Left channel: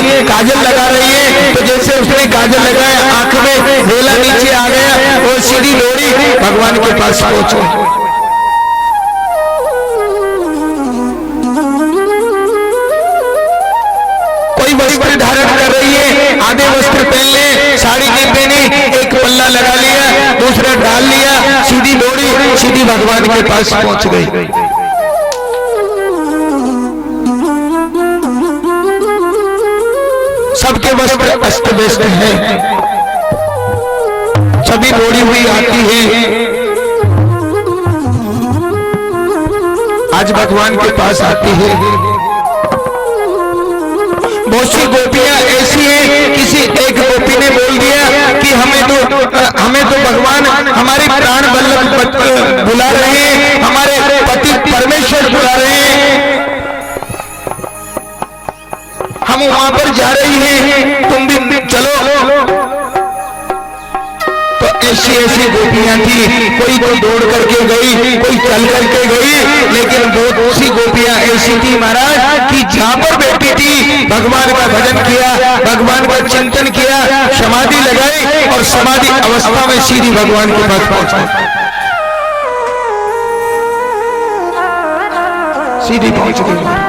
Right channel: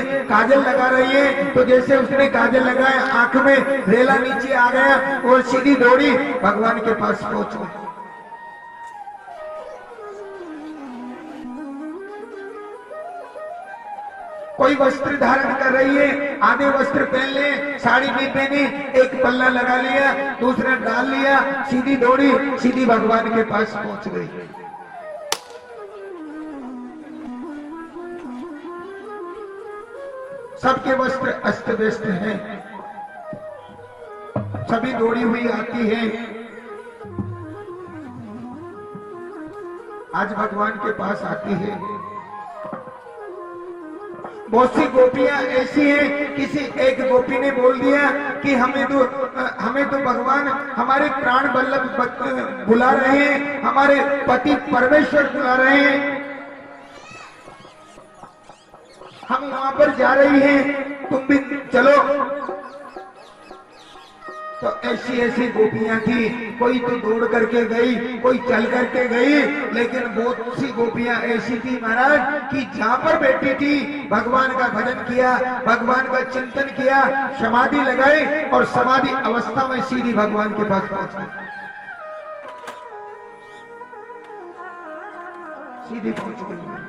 लिए काजल लगा रही है, तो जैसे उसने काजल लगाया आंख में वेला नीचे आ गया, वो सीधी दौड़ी भगवान के पास पहुंची। कोई वस्त्र धारण कर रही है, आधे वस्त्र पहन ले, साड़ी नहीं पहनी, एक पल्ला लगा लिया, दूसरा डाल लिया, सीधी दौड़ी, सीधी भगवान के पास पहुंच गई। सबके वस्त्र अस्त व्यस्त है, सभी दौड़ी हुई आती है, आज भगवान के पास आती है। बहुत सी गोपियां ऐसी हैं, किसी एक गोपी ने बोल दिया कि हमें तो भगवान हमारी प्राण वल्लभ बुला रहे हैं, हमारे पति परमेश्वर बुला रहे हैं, हम वहां पर जा रही हैं, तुम भी चलो। तो ऐसी गोपियां थी, कोई तो दौड़ करके गई, कोई चल करके गई, लेकिन बहुत सी गोपियां ऐसी थी महाराज कि जहां पर बैठी थी भगवान का भजन किया, भगवान का चिंतन किया, समाधि लगाई और समाधि अवस्था में सीधी भगवान के पास पहुंच गई, सीधी पहुंच गई।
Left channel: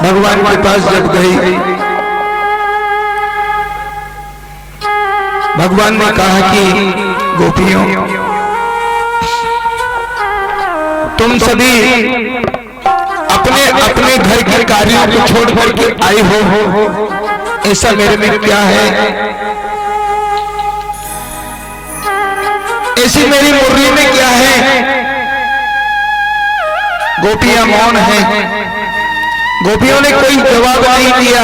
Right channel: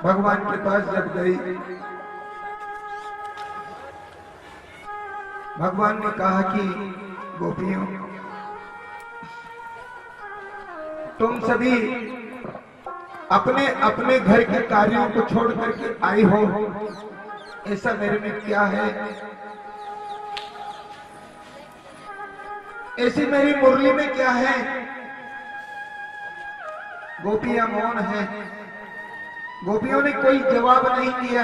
भगवान के पास जब गई, भगवान ने कहा कि गोपियों, तुम सभी अपने अपने घर के कार्यों को छोड़ करके आई हो, ऐसा मेरे में क्या है, ऐसी मेरी मुरली में क्या है। गोपियां मौन हैं, गोपियों ने कोई जवाब नहीं दिया।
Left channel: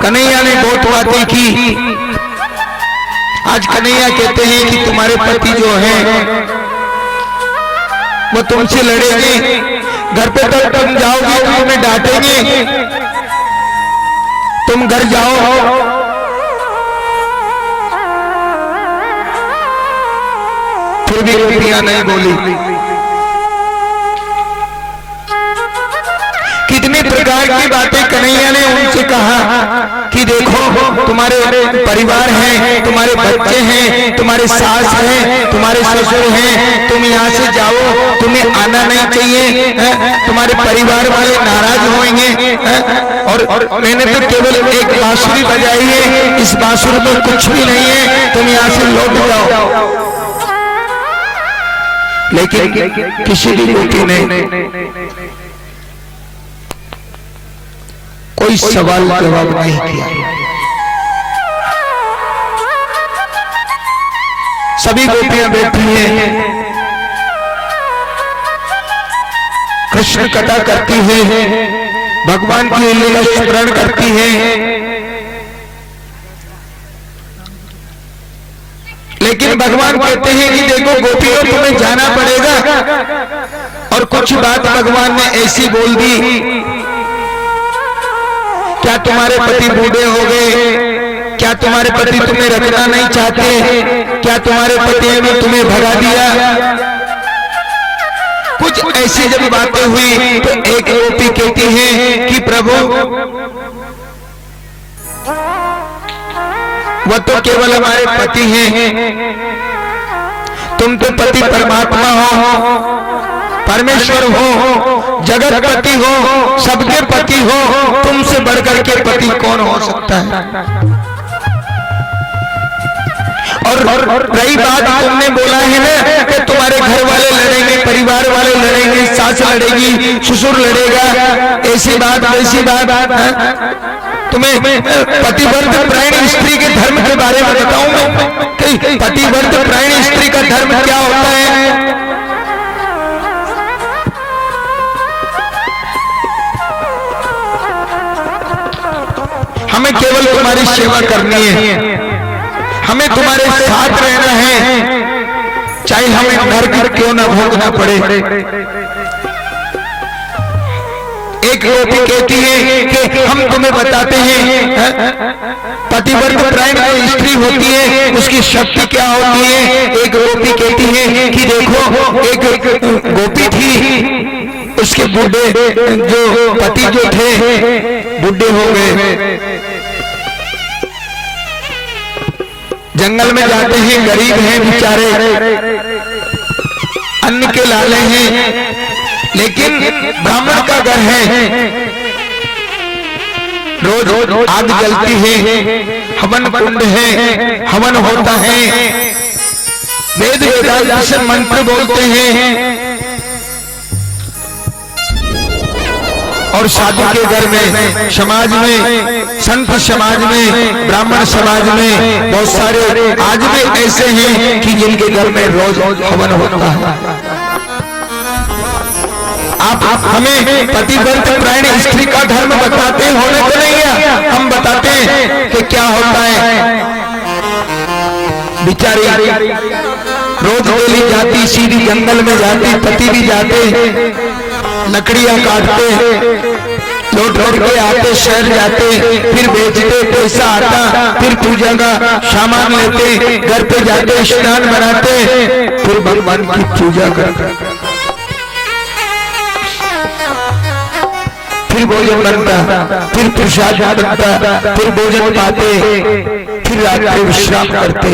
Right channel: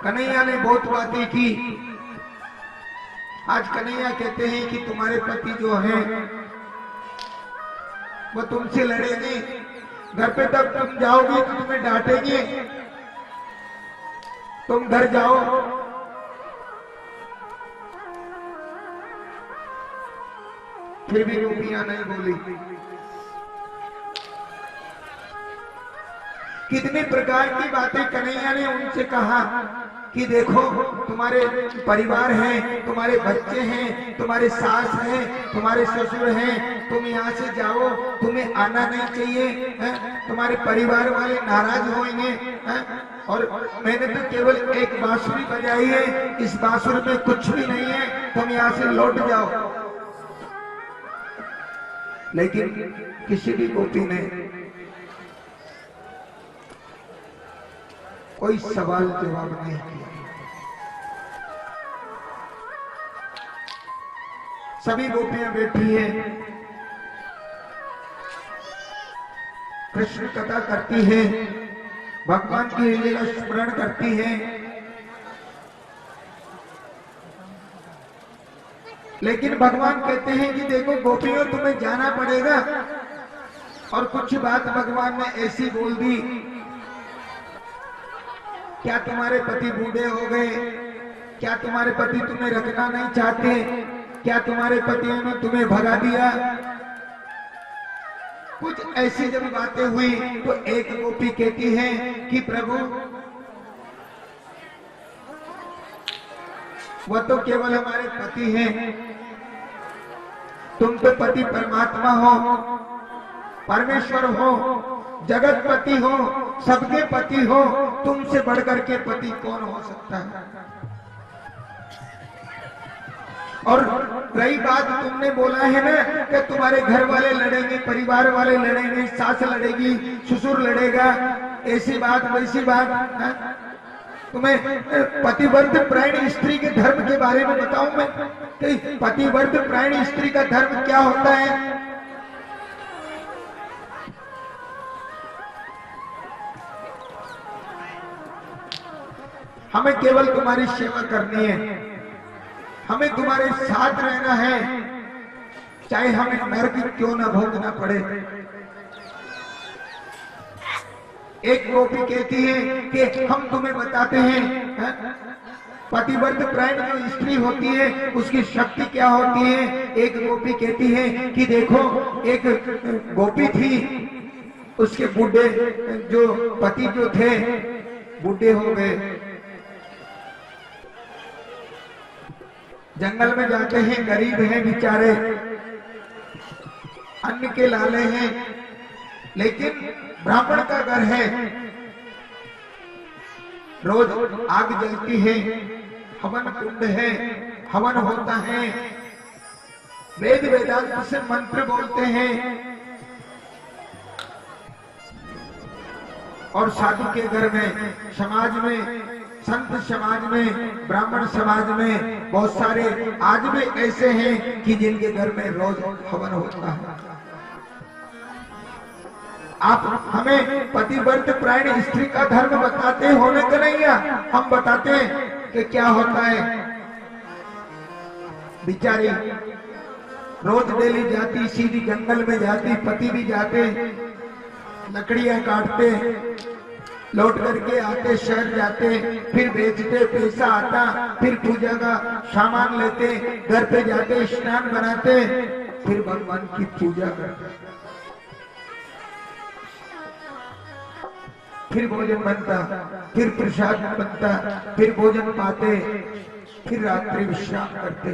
कन्हैया ने बहुत बातें की। आज कन्हैया कहते हैं कि तुम्हारे पति जो हैं वो तुमसे लड़ेंगे, घर पे तक तुम जाओगे तो तुम्हें डांटेंगे, तुम घर जाओ। फिर भी गोपियां नहीं बोली। कितनी प्रकार की बातें कन्हैया ने उनसे कहा कि देखो तुम्हारे परिवार हैं, तुम्हारे बच्चे हैं, तुम्हारे सास हैं, तुम्हारे ससुर हैं, तुम यहाँ से जाओ, तुम्हें आना नहीं चाहिए, तुम्हारे परिवार वाले नाराज होंगे, और मैंने तो केवल एक बांसुरी बजाई है, इस बांसुरी में कुछ भी नहीं है, तुम यहाँ से लौट जाओ। लेकिन किसी भी गोपी ने कोई सवाल जवाब नहीं किया। सभी गोपियां बैठी हैं, कृष्ण कथा करती हैं, भगवान की लीला स्मरण करती हैं, लेकिन भगवान कहते हैं कि देखो गोपियों तुम्हें जाना पड़ेगा। और कुछ बात भगवान ने ऐसी बोल दी, क्या तुम्हारे पति बूढ़े हो गए, क्या तुम्हारे पति तुम्हें रखना नहीं चाहते, क्या तुम्हारे पति ने तुम्हें भगा दिया। कुछ ऐसी जब बातें हुई तो एक गोपी कहती है कि प्रभु वो तो केवल हमारे पति हैं, तुम तो पति परमात्मा हो, परमेश्वर हो, जगत पति हो, सबके पति हो, तुमसे बढ़कर के पति कौन हो सकता है। और रही बात तुमने बोला है ना कि तुम्हारे घर वाले लड़ेंगे, परिवार वाले लड़ेंगे, सास लड़ेगी, ससुर लड़ेगा, ऐसी बात वैसी बात, तुम्हें पतिव्रत प्राणी स्त्री के धर्म के बारे में बताऊं मैं कि पतिव्रत प्राणी स्त्री का धर्म क्या होता है। हमें केवल तुम्हारी सेवा करनी है, हमें तुम्हारे साथ रहना है, चाहे हमें नरक क्यों ना भोगना पड़े। एक गोपी कहती है कि हम तुम्हें बताते हैं, पति पतिव्रत परायण जो स्त्री होती है उसकी शक्ति क्या होती है। एक गोपी कहती है कि देखो एक गोपी थी, उसके बूढ़े जो पति जो थे बूढ़े हो गए, जंगल में जाते हैं, गरीब हैं बेचारे, अन्न के लाले हैं, लेकिन ब्राह्मण का घर है, रोज रोज आग जलती है, हवन कुंड है, हवन होता है, वेद वेदांत से मंत्र बोलते हैं, और साधु के घर में, समाज में, संत समाज में, ब्राह्मण समाज में बहुत सारे आज भी ऐसे हैं कि जिनके घर में रोज हवन होता है। आप हमें पतिव्रत परायण स्त्री का धर्म बताते होने तो नहीं है, हम बताते हैं कि क्या होता है। बिचारी रोज डेली जाती, सीधी जंगल में जाती, पति भी जाते, लकड़ियां काटते, लौट लौट के आते, शहर जाते, फिर बेचते, पैसा आता, फिर पूजा का सामान लेते, घर पे जाते, स्नान बनाते, फिर भगवान की पूजा करते, फिर भोजन बनता, फिर प्रसाद बनता, फिर भोजन पाते, फिर रात्रि विश्राम करते।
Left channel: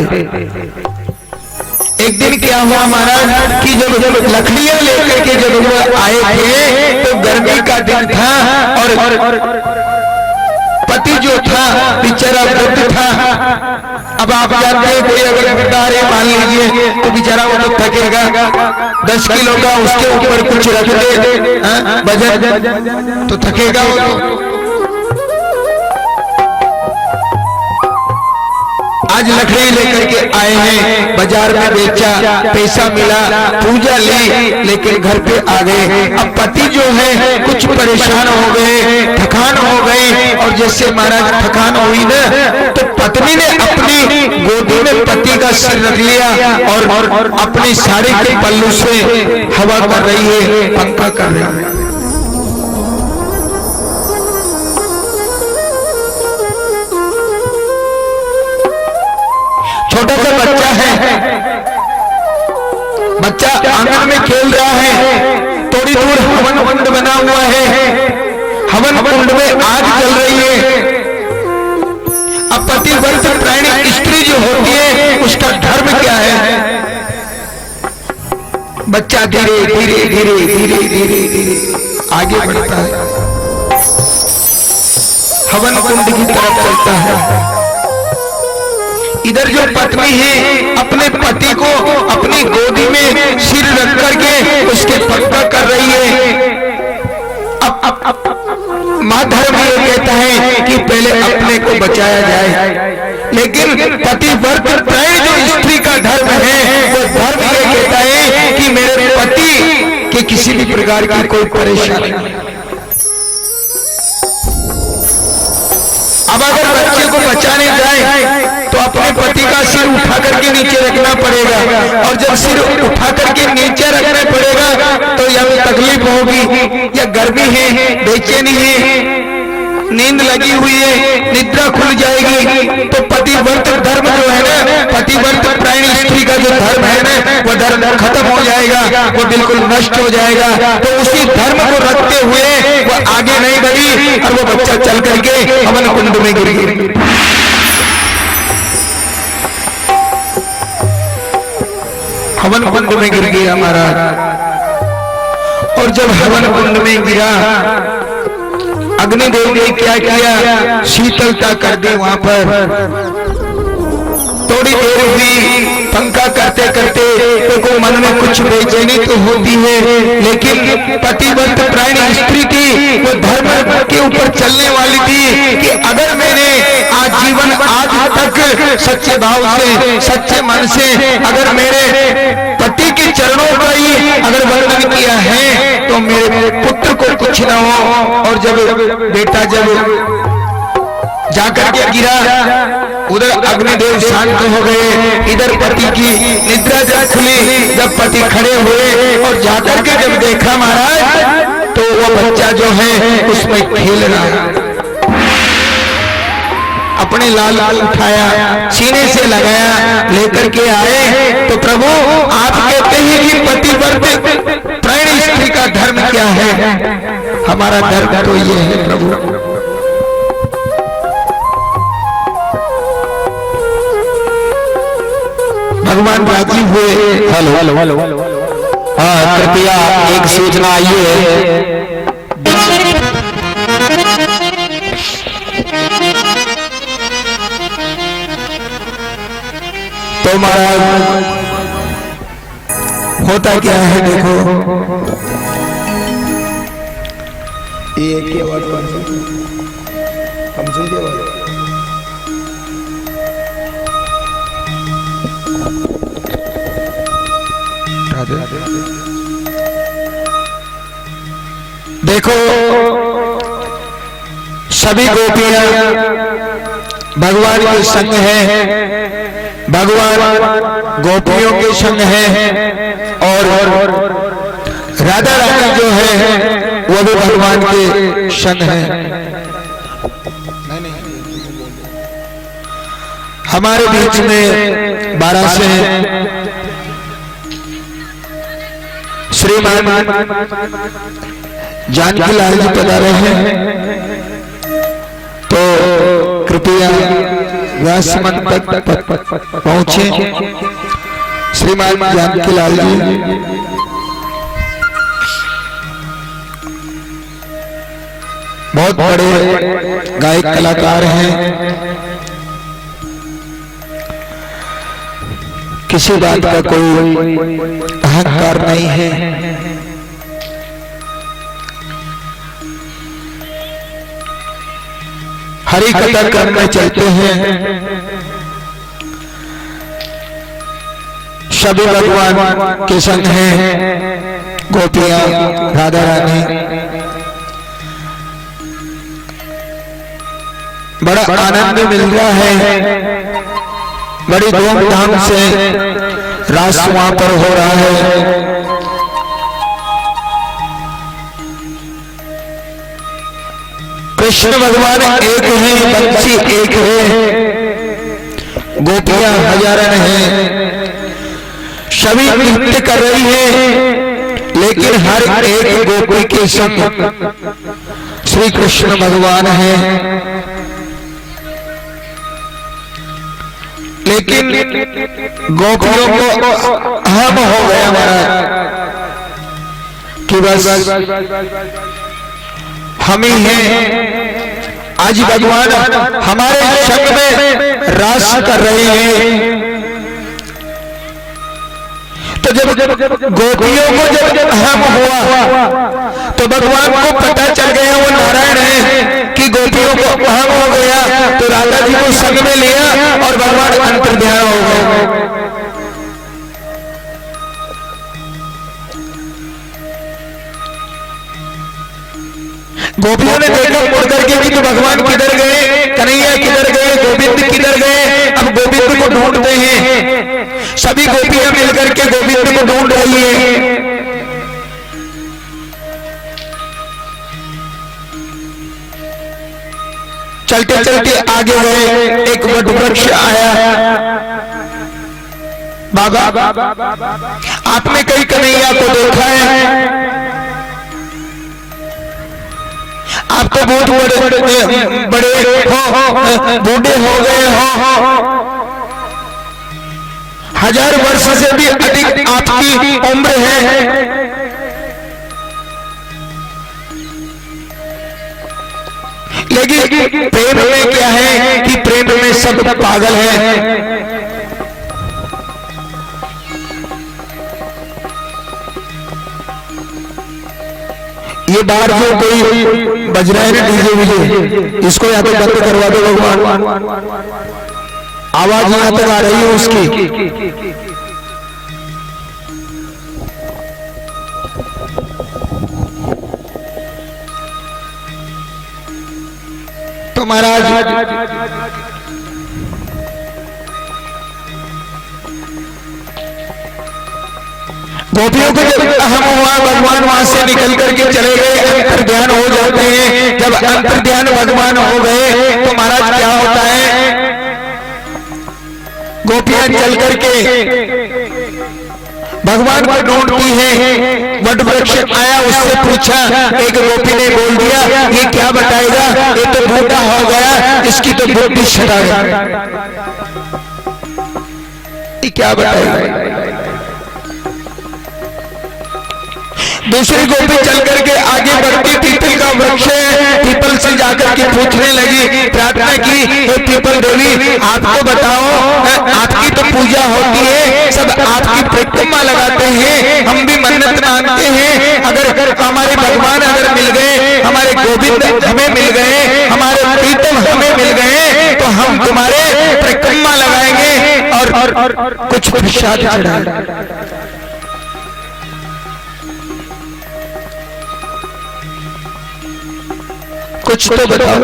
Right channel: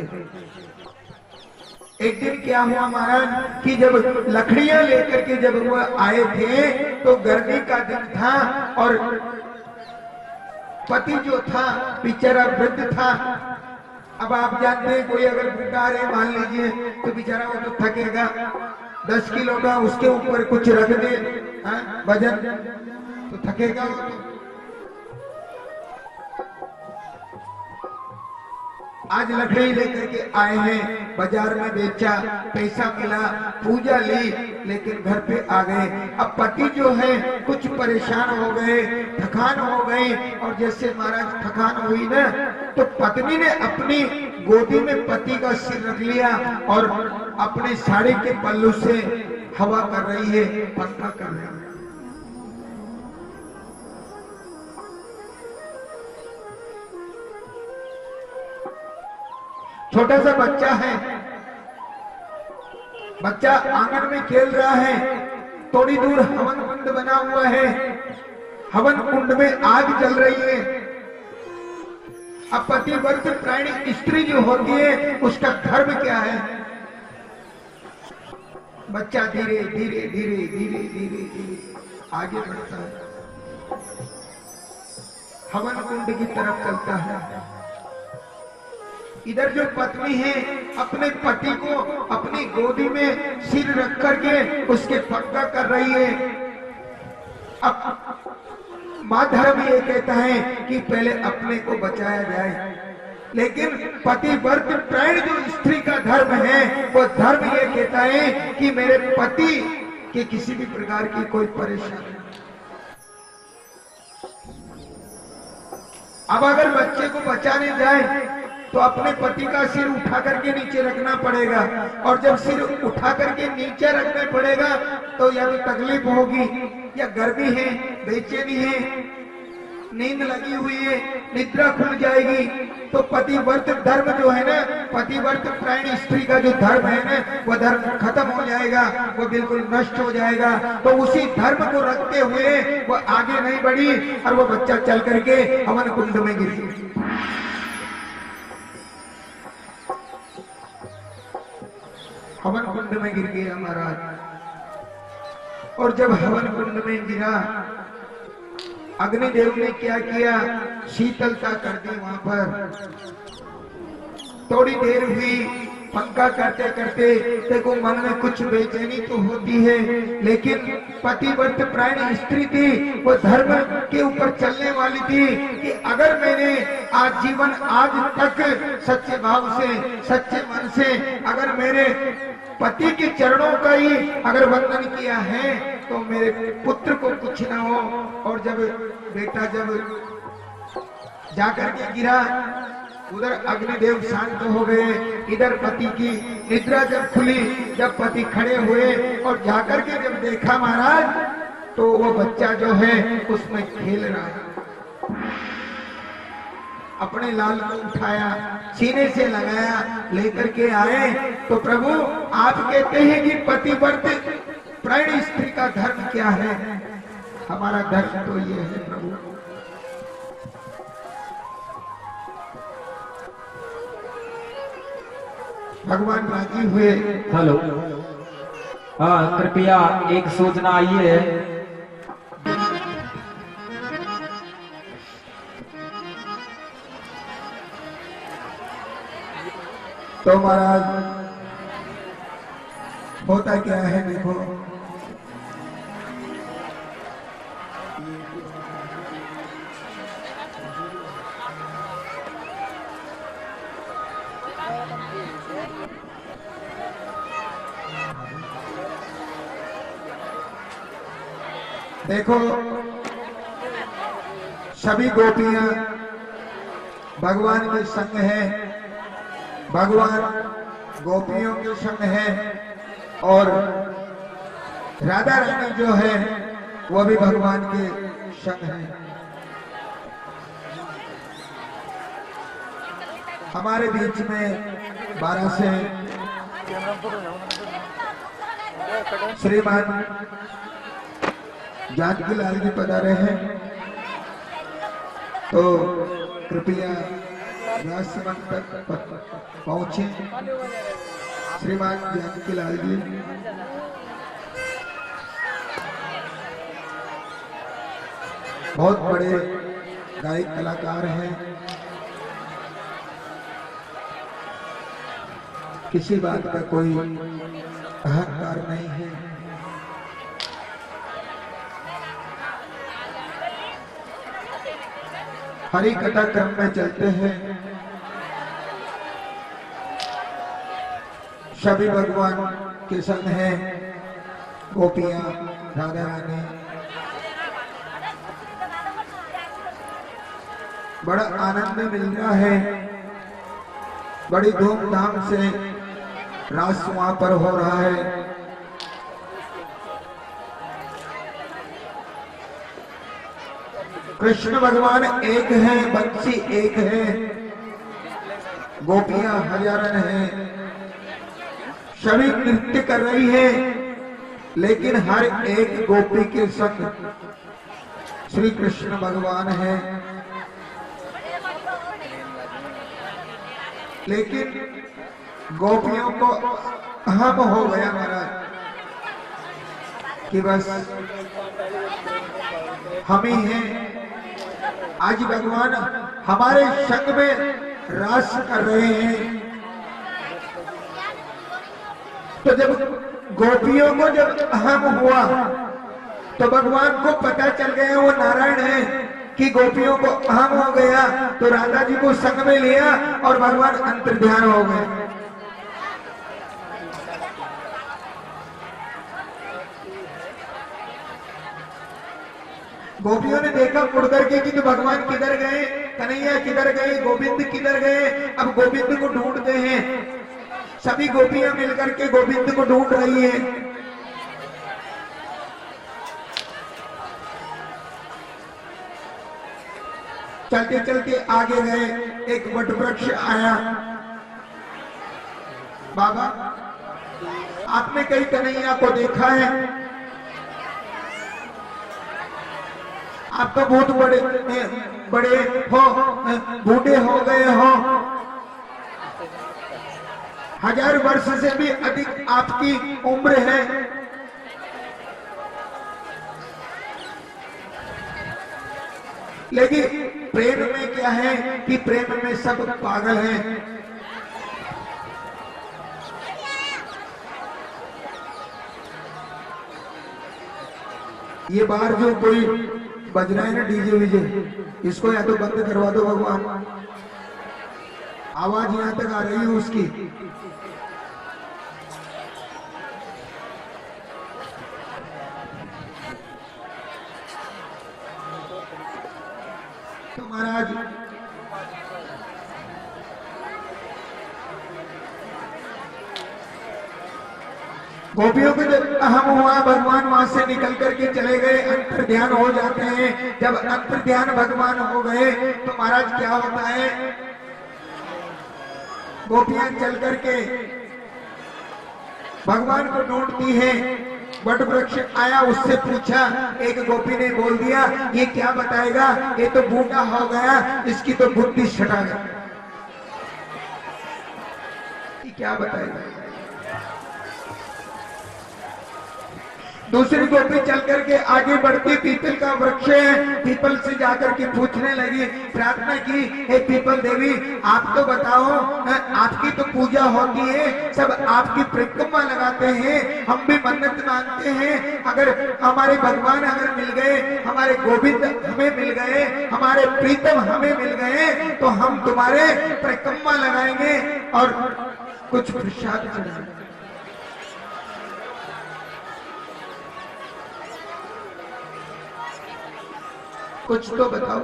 एक दिन क्या हुआ महाराज कि जब लकड़ियां लेकर के जब वो आए थे तो गर्मी का दिन था, और पति जो था बेचारा वृद्ध था। अब आप जानते हैं कोई अगर बिकार है मान लीजिए तो बेचारा वो तो थकेगा, 10 किलो का उसके ऊपर कुछ रख दे वजन तो थकेगा वो। आज लकड़ी लेकर के आए हैं, बाजार में बेचा, पैसा मिला, पूजा ली, लेकिन घर पे आ गए। अब पति जो है कुछ परेशान हो गए, थकान हो गई, और जैसे महाराज थकान हुई ना तो पत्नी ने अपनी गोदी में पति का सिर रख लिया और अपनी साड़ी के पल्लू से हवा कर रही है, पंखा कर रही है। छोटा सा बच्चा है, बच्चा आंगन में खेल रहा है, थोड़ी दूर हवन कुंड बना हुआ है, हवन कुंड में आग जल रही है। अब पतिव्रत परायण स्त्री जो होती है उसका धर्म क्या है। बच्चा धीरे धीरे धीरे धीरे धीरे धीरे आगे बढ़ता है, हवन कुंड की तरफ चलता है। इधर जो पत्नी है अपने पति को अपनी गोदी में सिर रख करके उसके पंखा कर रही है। अब माँ धर्म ये कहता है कि पहले अपने को बचाया जाए, लेकिन पतिव्रत परायण जो स्त्री का धर्म है वो धर्म ये कहता है कि मेरे पति के किसी भी प्रकार की कोई परेशानी नहीं। अब अगर बच्चे को बचाने जाए तो अपने पति का सिर उठा करके नीचे रखना पड़ेगा, और जब सिर उठा करके नीचे रखना पड़ेगा तो या तकलीफ होगी, या गर्मी है, बेचैनी है, नींद लगी हुई है, निद्रा खुल जाएगी। तो पतिव्रत धर्म जो है ना, पतिव्रत परायण स्त्री का जो धर्म है ना वो धर्म खत्म हो जाएगा, वो बिल्कुल नष्ट हो जाएगा। तो उसी धर्म को रखते हुए वो आगे नहीं बढ़ी और वो बच्चा चल करके हवन कुंड में गिर गया। हवन कुंड में गिर गया महाराज, और जब हवन कुंड में गिरा अग्निदेव ने क्या किया, शीतलता कर दी वहां पर। थोड़ी देर हुई, पंखा करते करते तो मन में कुछ बेचैनी तो होती है, लेकिन पतिव्रत परायण स्त्री थी, वो धर्म के ऊपर चलने वाली थी कि अगर मैंने आजीवन आज तक सच्चे भाव से, सच्चे मन से अगर मेरे पति के चरणों का ही अगर वर्णन किया है तो मेरे पुत्र को कुछ न हो। और जब बेटा जब जाकर के गिरा, उधर अग्निदेव शांत हो गए, इधर पति की निद्रा जब खुली, जब पति खड़े हुए और जाकर के जब देखा महाराज तो वो बच्चा जो है उसमें खेल रहा है। अब अपने लाल को उठाया, सीने से लगाया, लेकर के आए। तो प्रभु आप कहते हैं कि पतिव्रत प्राणी स्त्री का धर्म क्या है? हमारा धर्म तो ये है प्रभु। भगवान राजी हुए। हेलो हाँ, कृपया एक सूचना आई है। तो महाराज होता क्या है देखो, ये क्या बात हम सुन के बात देखो, सभी गोपियां भगवान के संग हैं, भगवान गोपियों के संग हैं, और राधा रानी जो है वो भी भगवान के संग है। हमारे बीच में 12 से श्रीमान जानकी लाल जी पधारे हैं। तो कृपया व्यासमंच तक पहुंचे। श्रीमान जानकी लाल जी बहुत बड़े गायक कलाकार हैं, किसी बात का कोई अहंकार नहीं है। हरि कथा करने चलते हैं, सभी भगवान के संग हैं, गोपियां राधा रानी। बड़ा आनंद मिल रहा है, बड़ी धूमधाम से रास वहां पर हो रहा है। कृष्ण भगवान एक है, बंसी एक है, गोपियां हजारन हैं, सभी नृत्य कर रही है, लेकिन हर एक गोपी के संग श्री कृष्ण भगवान है। लेकिन गोपियों को अहम हो गया हमारा कि बस हम ही हैं। आज भगवान हमारे संग में रास कर रहे हैं। तो जब गोपियों को जब अहम हुआ तो भगवान को पता चल गया वो नारायण है कि गोपियों को अहम हो गया। तो राधा जी को संग में लिया और भगवान अंतर्ध्यान हो गए। गोपियों ने देखा मुड़ करके कि तो भगवान किधर गए, कन्हैया किधर गए, गोविंद किधर गए। अब गोविंद को ढूंढते हैं, सभी गोपियां मिलकर के गोविंद को ढूंढ रही है। चलते चलते आगे गए, एक वट वृक्ष आया। बाबा आपने कहीं कन्हैया को देखा है? आप तो बहुत बड़े हो, बूढ़े हो गए हो, 1000 वर्ष से भी अधिक आपकी उम्र है। लेकिन प्रेम में क्या है कि प्रेम में सब पागल हैं। ये बार जो कोई बज रहा है ना डीजे विजे, इसको या तो बंद करवा दो भगवान, आवाज यहां तक आ रही है उसकी। तो महाराज गोपियों को जब अहम हुआ, भगवान वहां से निकल करके चले गए, अंतर ध्यान हो जाते हैं। जब अंतर ध्यान भगवान हो गए तो महाराज क्या होता है गोपियां चल करके भगवान को ढूंढती है। वट वृक्ष आया, उससे पूछा, एक गोपी ने बोल दिया ये क्या बताएगा, ये तो बूढ़ा हो गया, इसकी तो बुद्धि छटा गई, ये क्या बताएगा। दूसरी गोपी चल करके आगे बढ़ती, पीपल का वृक्ष है, पीपल से जाकर के पूछने लगी, प्रार्थना की, हे पीपल देवी आपको बताओ, आपकी तो पूजा होती है, सब आपकी परिक्रमा लगाते हैं, हम भी मन्नत मांगते हैं, अगर हमारे भगवान अगर मिल गए, हमारे गोविंद हमें मिल गए, हमारे प्रीतम हमें मिल गए, तो हम तुम्हारे परिक्रमा लगाएंगे और कुछ प्रसाद चढ़ाएंगे। कुछ तो बताओ।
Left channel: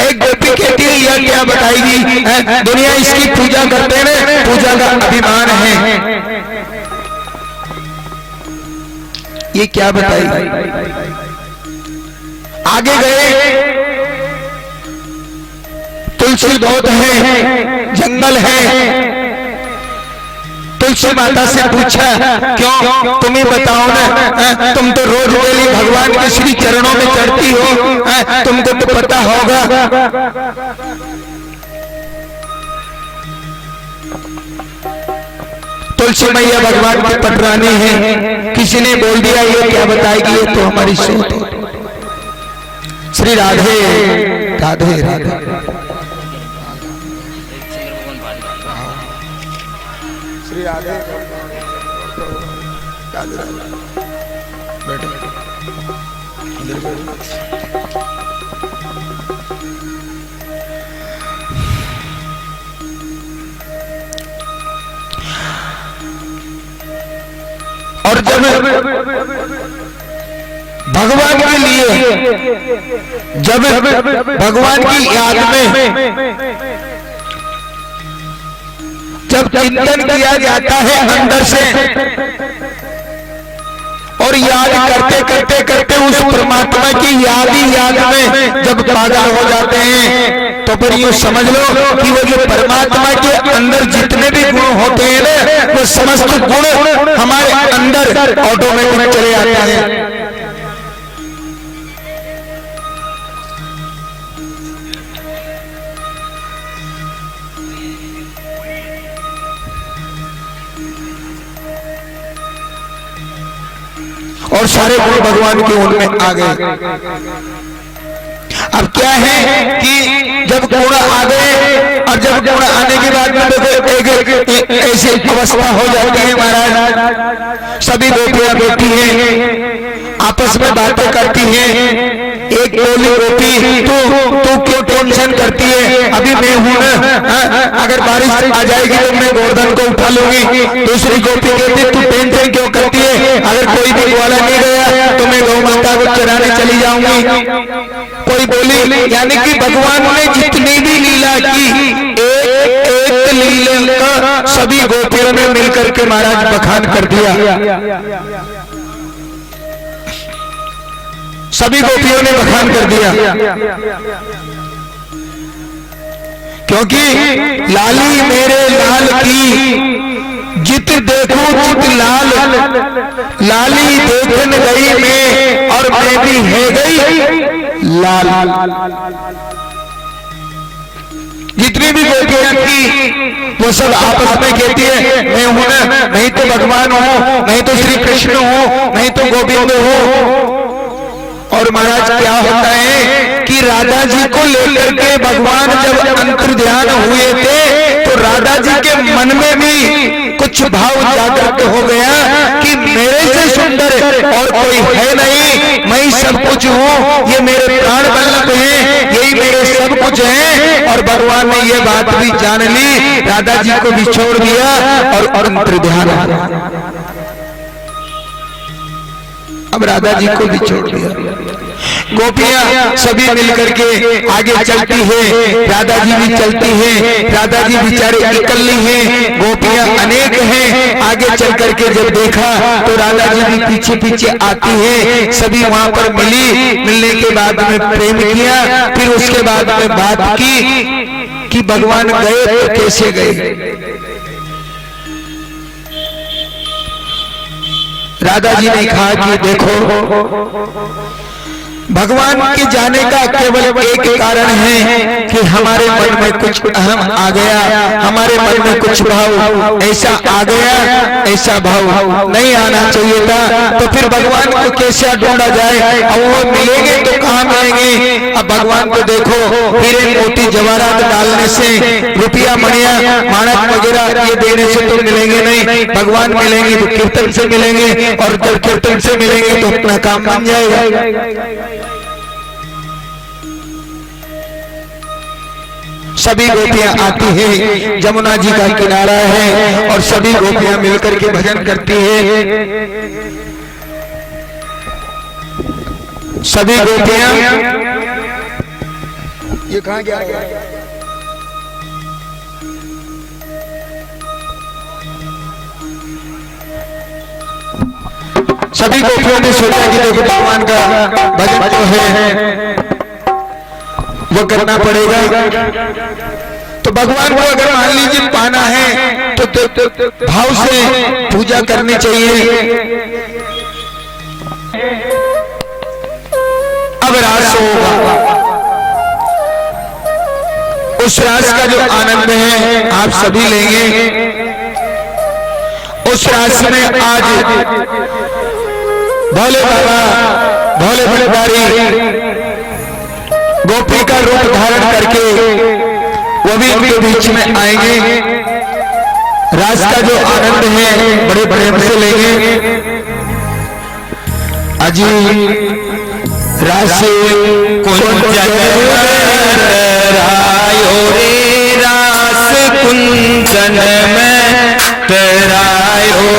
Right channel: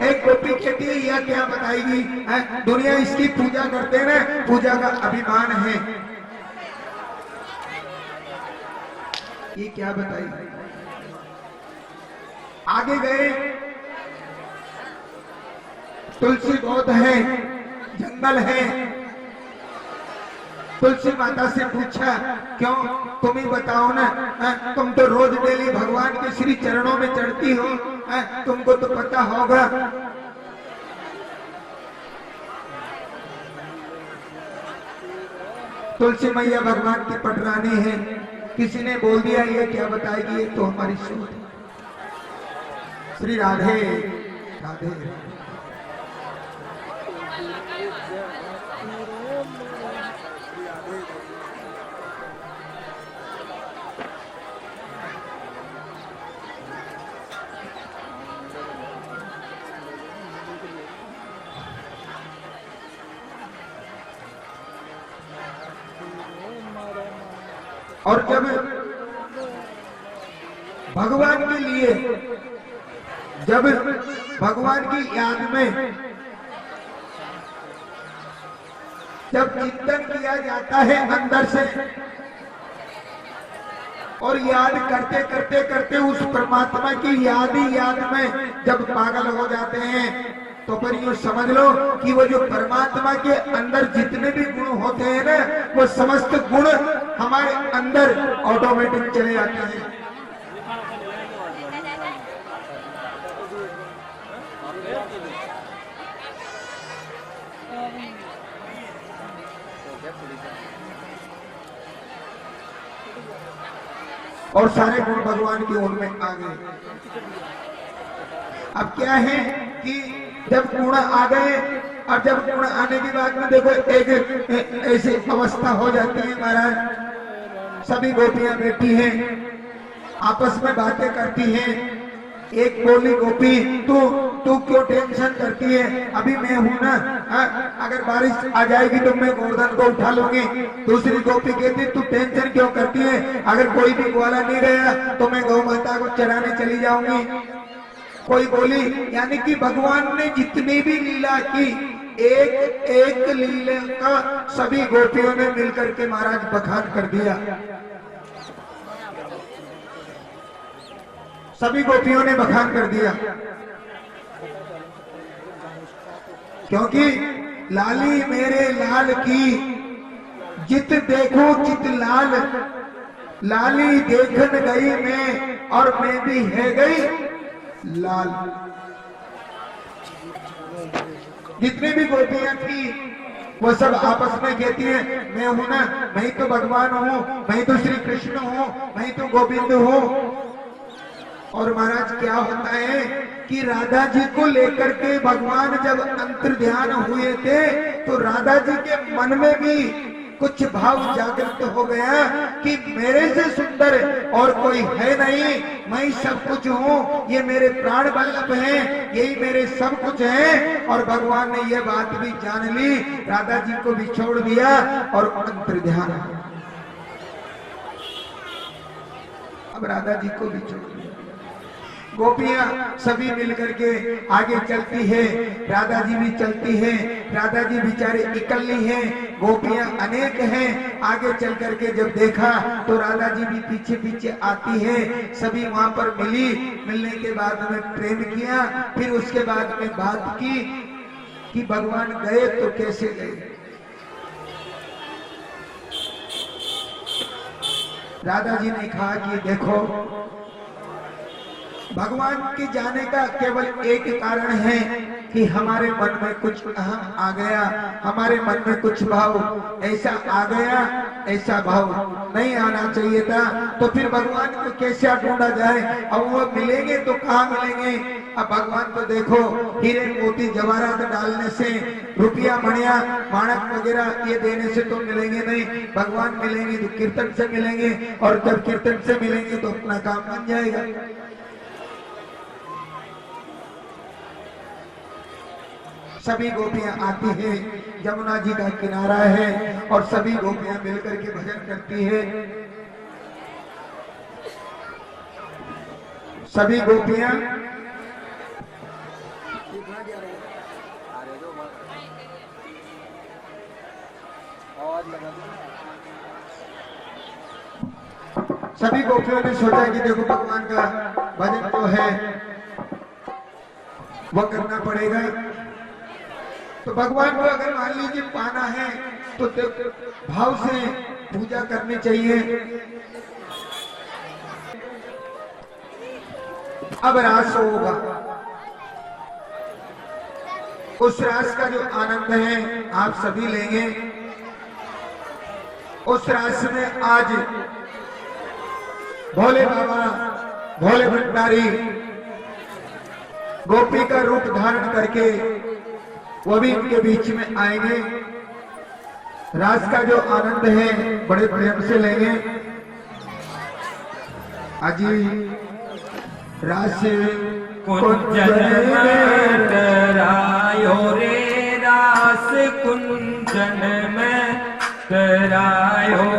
एक गोपी कहती है यह क्या बताएगी, दुनिया इसकी पूजा करते हैं ना, पूजा का अभिमान है, ये क्या बताएगी। आगे गए, तुलसी बहुत है, जंगल है, तुलसी माता से पूछा क्यों, तुम्हें बताओ ना, तुम तो रोज डेली भगवान के श्री चरणों में चढ़ती हो, तुमको तो पता होगा। तुलसी मैया भगवान की पटरानी है, किसी ने बोल दिया ये क्या बताएगी, ये तो हमारी सोच है। श्री राधे राधे राधे। श्री राधे बैठो, और जब भगवान के लिए, जब भगवान की याद में जब चिंतन किया जाता है अंदर से, और याद करते करते करते उस परमात्मा की याद ही याद में जब पागल हो जाते हैं, तो फिर यूं समझ लो कि वो जो परमात्मा के अंदर जितने भी गुण होते हैं ना, वो समस्त गुण हमारे अंदर ऑटोमेटिक चले आते हैं। और सारे गुण भगवान के उनमें आ गए। अब क्या है कि जब गुण आ गए, और जब गुण आने के बाद में एक ऐसी अवस्था हो जाती है महाराज, सभी गोपियां बैठी हैं, आपस में बातें करती हैं। एक बोली गोपी तू क्यों टेंशन करती है, अभी मैं हूं ना, अगर बारिश आ जाएगी तो मैं गोवर्धन को उठा लूंगी। दूसरी गोपी कहती तू टेंशन क्यों करती है, अगर कोई भी ग्वाला नहीं गया तो मैं गौ माता को चराने चली जाऊंगी। कोई बोली, यानी कि भगवान ने जितनी भी लीला की, एक लीला का सभी गोपियों ने मिलकर के महाराज बखान कर दिया, सभी गोपियों ने बखान कर दिया, क्योंकि लाली मेरे लाल की जित देखूं चित लाल, लाली देखन गई मैं और मैं भी है गई लाल। जितनी भी गोपियां थी वो सब आपस में कहती है मैं हूं ना, नहीं तो भगवान हूं, नहीं तो श्री कृष्ण हूं, नहीं तो गोविंद हूं। और महाराज क्या होता है कि राधा जी को लेकर के भगवान जब अंतर ध्यान हुए थे, तो राधा जी के मन में भी कुछ भाव जागृत हो गया कि मेरे से सुंदर और कोई है नहीं, मैं ही सब कुछ हूँ, ये मेरे प्राण वल्लभ हैं, यही मेरे सब कुछ हैं। और भगवान ने ये बात भी जान ली, राधा जी को भी छोड़ दिया और अंतर ध्यान हो गया। अब राधा जी को भी छोड़ दिया। गोपियां सभी मिलकर के आगे चलती है, राधा जी भी चलती है, राधा जी बेचारे इकल्ली हैं, गोपियां अनेक हैं। आगे चल करके जब देखा तो राधा जी भी पीछे पीछे आती है, सभी वहां पर मिली, मिलने के बाद में प्रेम किया, फिर उसके बाद में बात की, कि भगवान गए तो कैसे गए। राधा जी ने कहा कि देखो भगवान के जाने का केवल एक कारण है कि हमारे मन में कुछ अहम आ गया, हमारे मन में कुछ भाव ऐसा आ गया, ऐसा भाव नहीं आना चाहिए था। तो फिर भगवान को कैसे ढूंढा जाए, अब वो मिलेंगे तो कहाँ मिलेंगे। अब भगवान को देखो हीरे मोती जवाहरात डालने से, रुपया मणिया मानक वगैरह ये देने से तो मिलेंगे नहीं। भगवान मिलेंगे तो कीर्तन से मिलेंगे, और जब कीर्तन से मिलेंगे तो अपना काम बन जाएगा। सभी गोपियां आती हैं, जमुना जी का किनारा है और सभी गोपियां मिलकर के भजन करती हैं। सभी गोपियां ये कहां गया, सभी गोपियों ने सोचा कि देखो भगवान का भजन जो है वो करना पड़ेगा। तो भगवान को अगर मान लीजिए पाना है तो भाव से पूजा करनी चाहिए। अब रास होगा, उस रास का जो आनंद है आप सभी लेंगे। उस रास में आज भोले बाबा, भोले भंडारी गोपी का रूप धारण करके वो भी इनके बीच में आएंगे। रास का जो आनंद है बड़े प्रेम से लेंगे। अजी रास कुंजन रायो रे, रास कुंजन में तेरायो,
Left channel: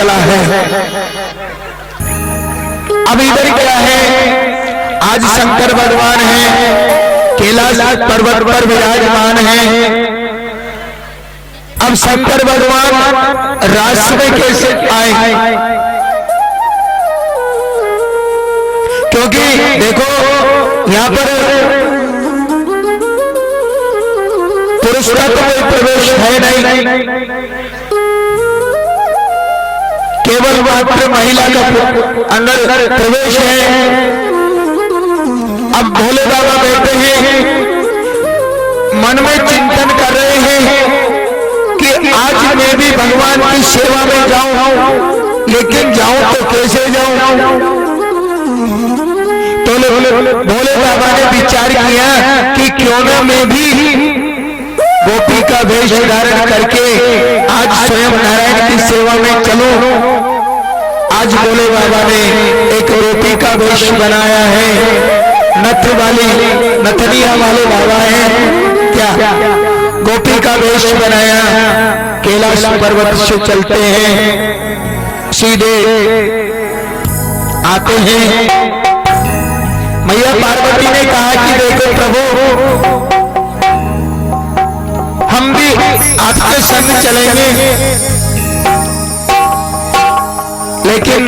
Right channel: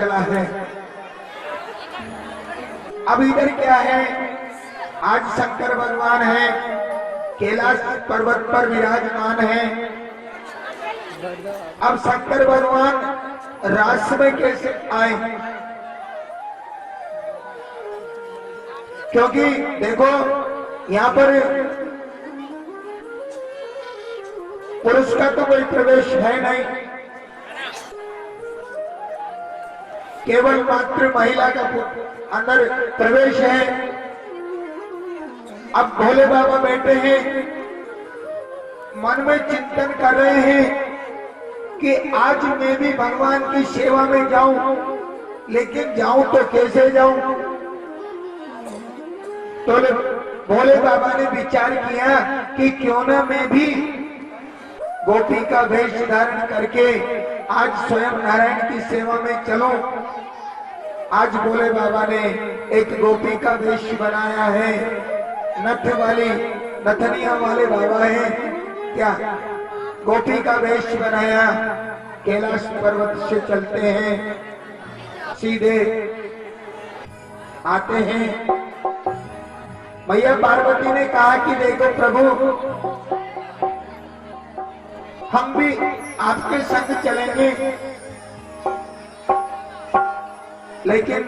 चला है। अब इधर क्या है, आज शंकर भगवान है, कैलाश पर्वत पर विराजमान है। अब शंकर भगवान रास में कैसे आए? क्योंकि देखो यहाँ पर पुरुष का तो कोई प्रवेश है नहीं, केवल मात्र महिला का अंदर प्रवेश है। अब भोले बाबा बैठे हैं, मन में चिंतन कर रहे हैं कि आज मैं भी भगवान की सेवा में जाऊं, लेकिन जाऊं तो कैसे जाऊं? तो भोले बाबा ने विचार किया कि क्यों ना मैं भी गोपी का वेश धारण करके आज स्वयं नारायण की सेवा में चलूं। आज भोले बाबा ने एक गोपी का वेश बनाया है, नथ वाली नथनिया वाले बाबा हैं क्या, गोपी का वेश बनाया, कैलाश पर्वत से चलते हैं, सीधे आते हैं। मैया पार्वती ने कहा कि देखो प्रभु, हम भी आपके संग चलेंगे, लेकिन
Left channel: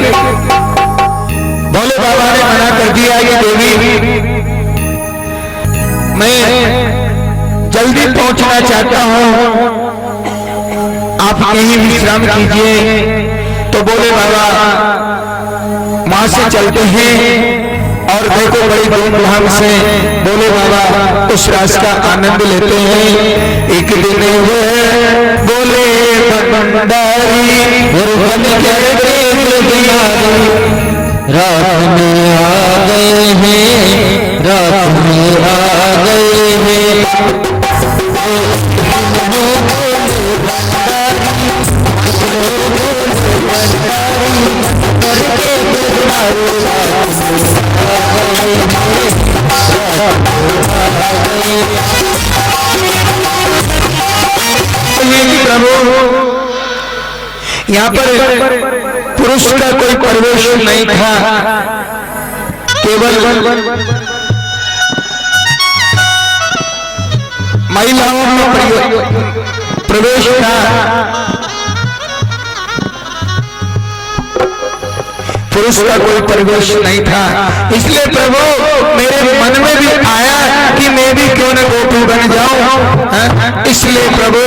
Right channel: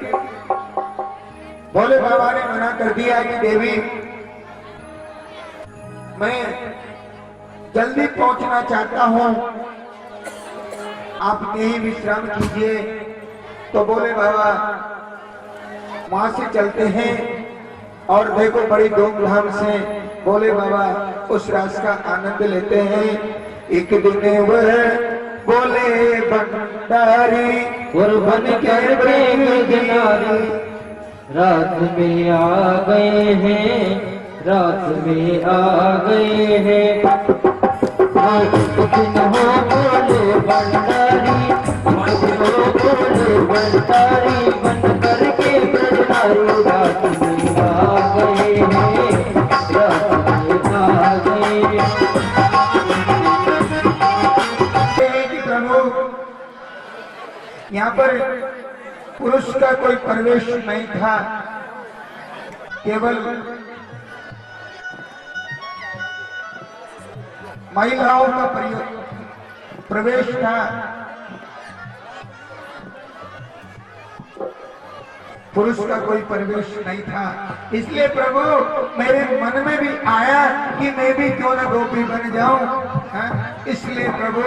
भोले बाबा ने मना कर दिया कि देवी मैं जल्दी पहुंचना चाहता हूं, आप यहीं विश्राम कीजिए। तो भोले बाबा वहां से चलते हैं और देखो बड़ी धूमधाम से भोले बाबा उस रास का आनंद लेते हैं। एक दिन बोले भंडारी रात में आ गए हैं, रात में आ गए हैं। यहाँ पर पुरुष का कोई प्रवेश नहीं था, केवल महिलाओं में प्रवेश था। पुरुष का कोई प्रवेश नहीं था। इसलिए प्रभु मेरे मन में भी आया कि मैं भी क्यों न गोपी बन जाऊं। इसलिए प्रभु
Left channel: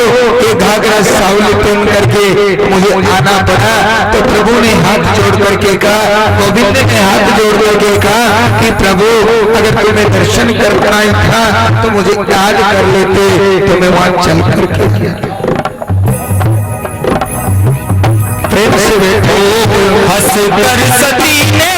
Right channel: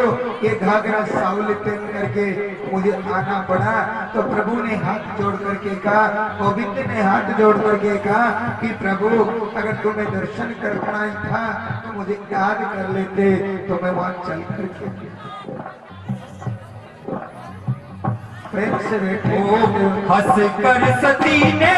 ये घाघरा सावली पहन करके मुझे आना पड़ा। तो प्रभु ने हाथ जोड़ करके कहा, गोविंद ने हाथ जोड़ करके कहा कि प्रभु अगर तुम्हें दर्शन करना ही था तो मुझे याद कर लेते, तो मैं वहां चल करके किया। प्रेम से बैठो। हंस कर सती ने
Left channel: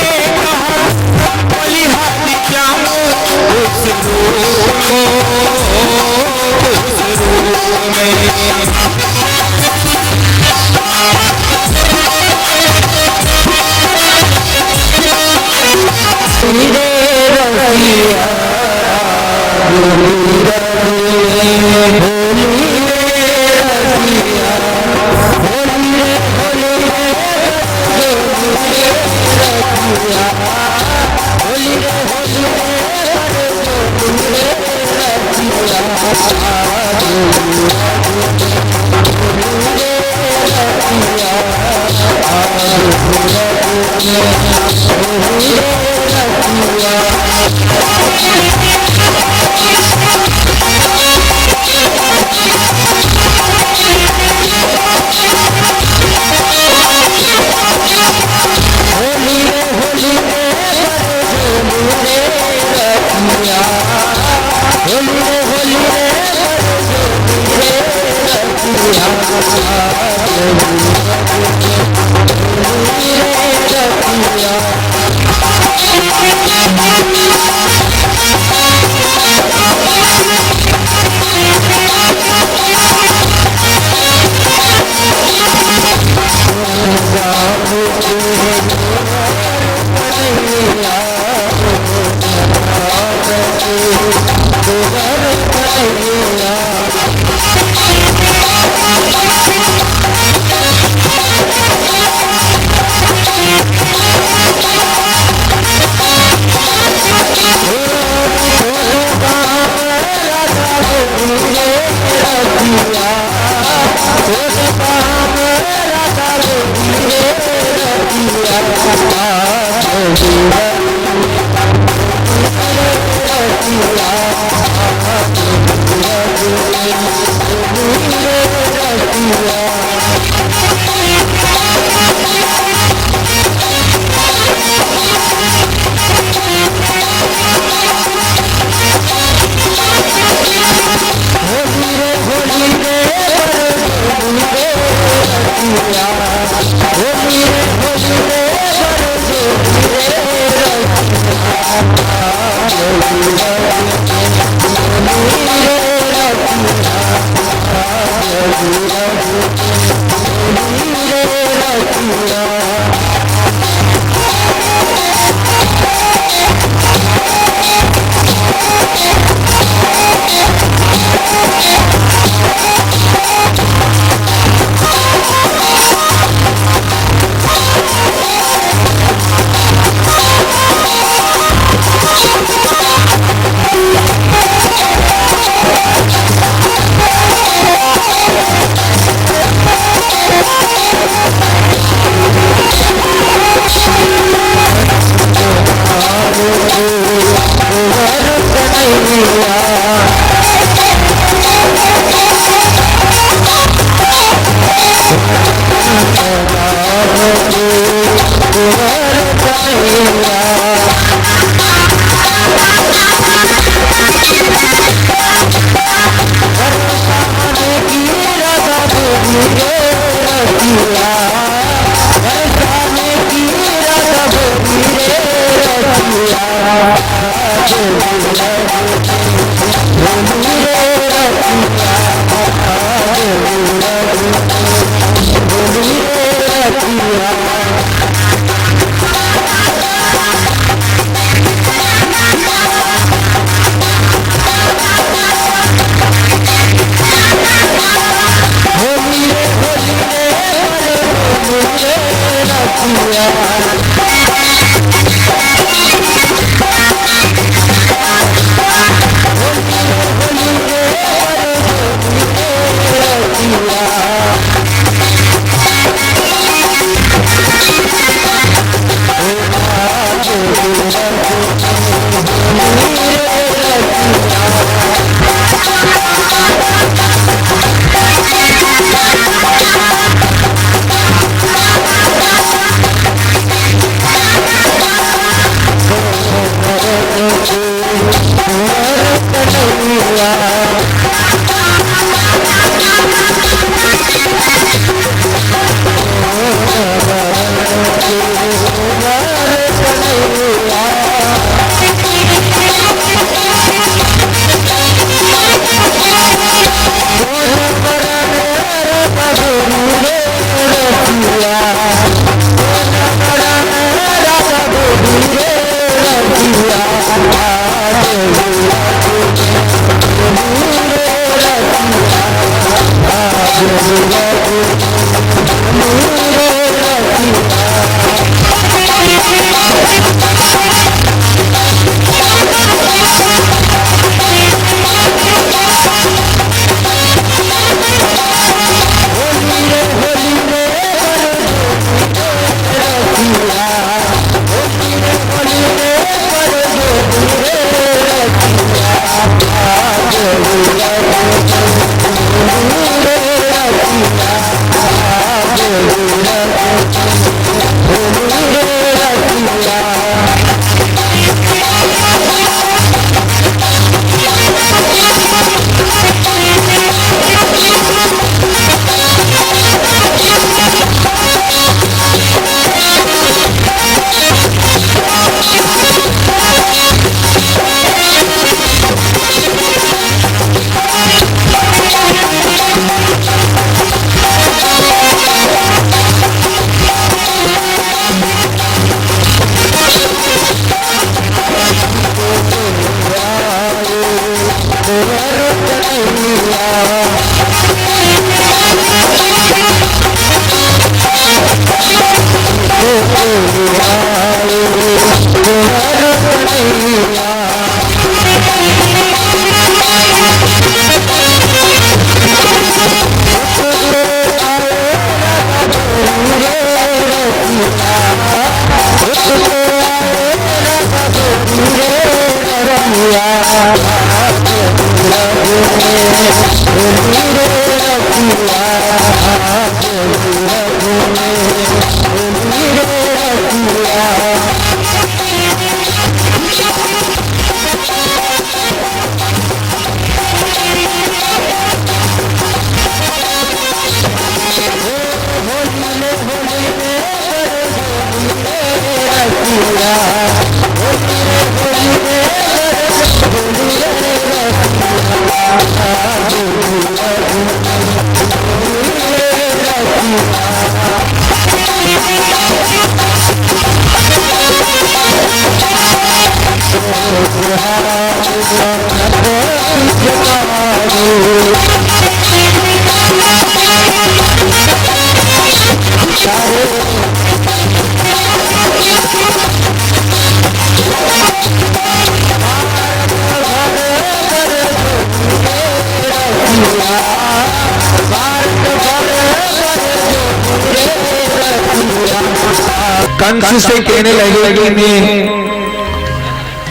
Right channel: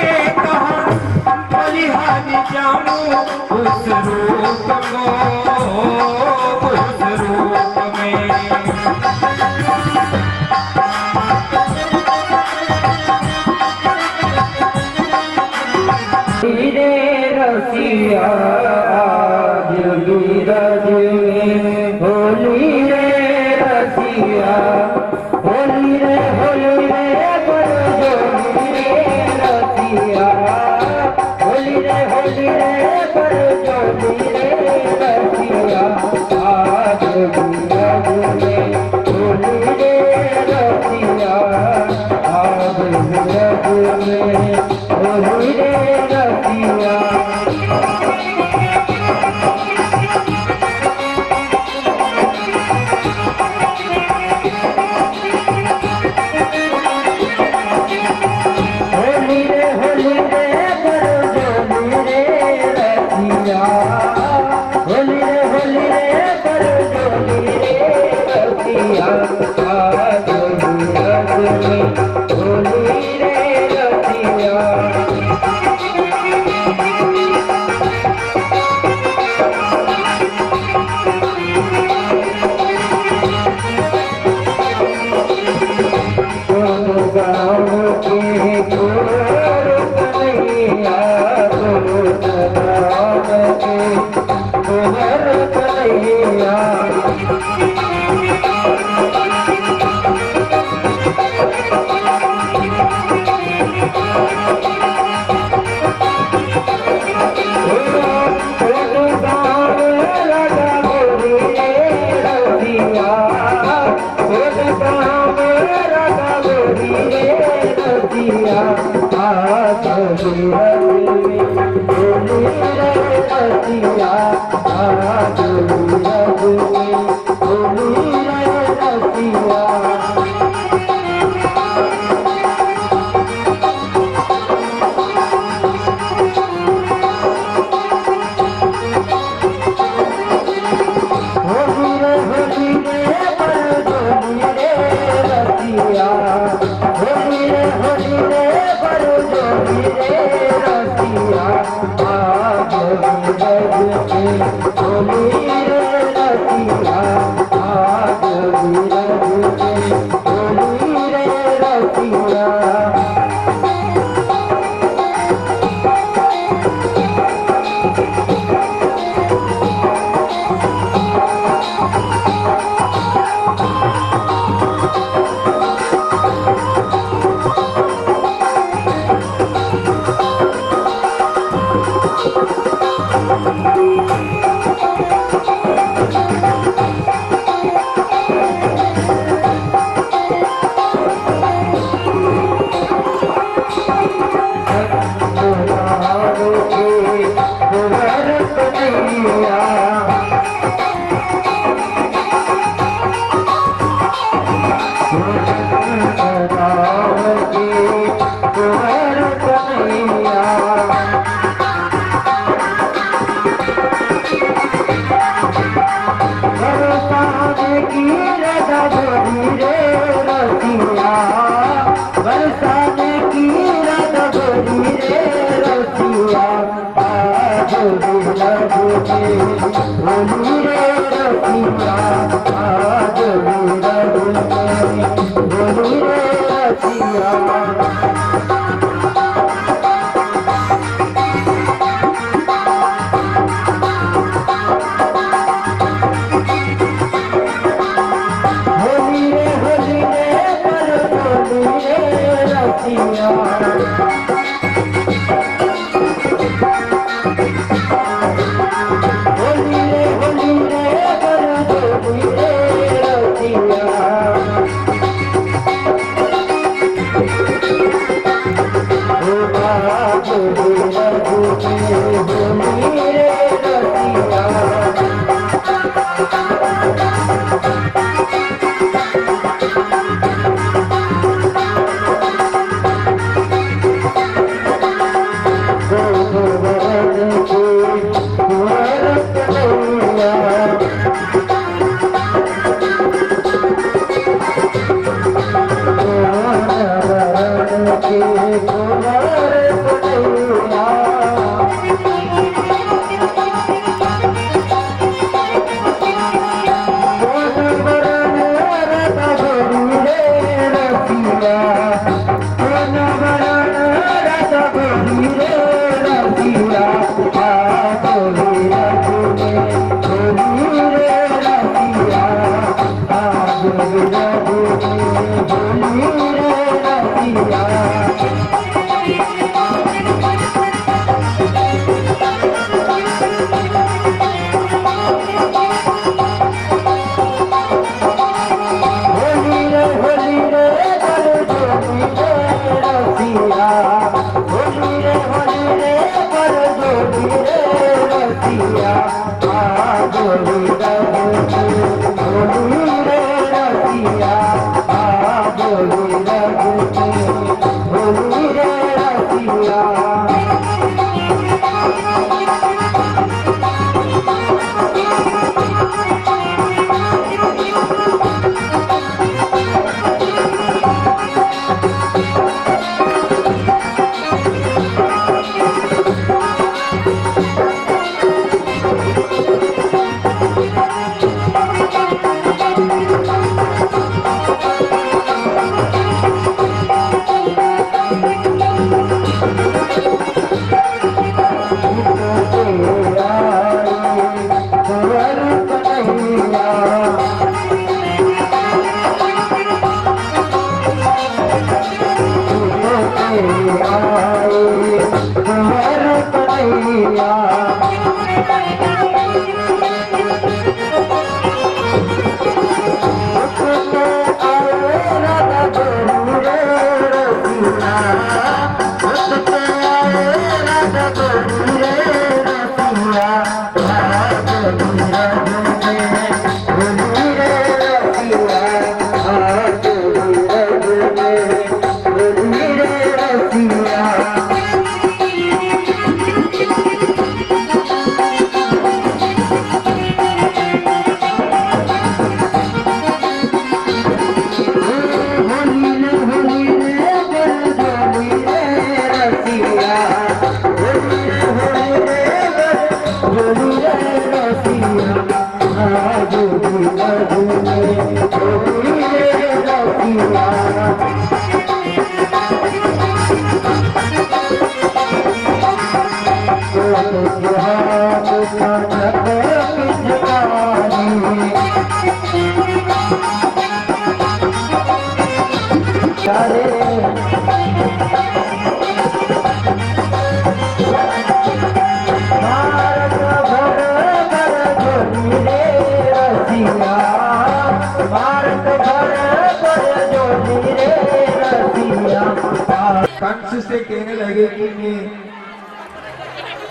कंस से कहने लगे कि मैं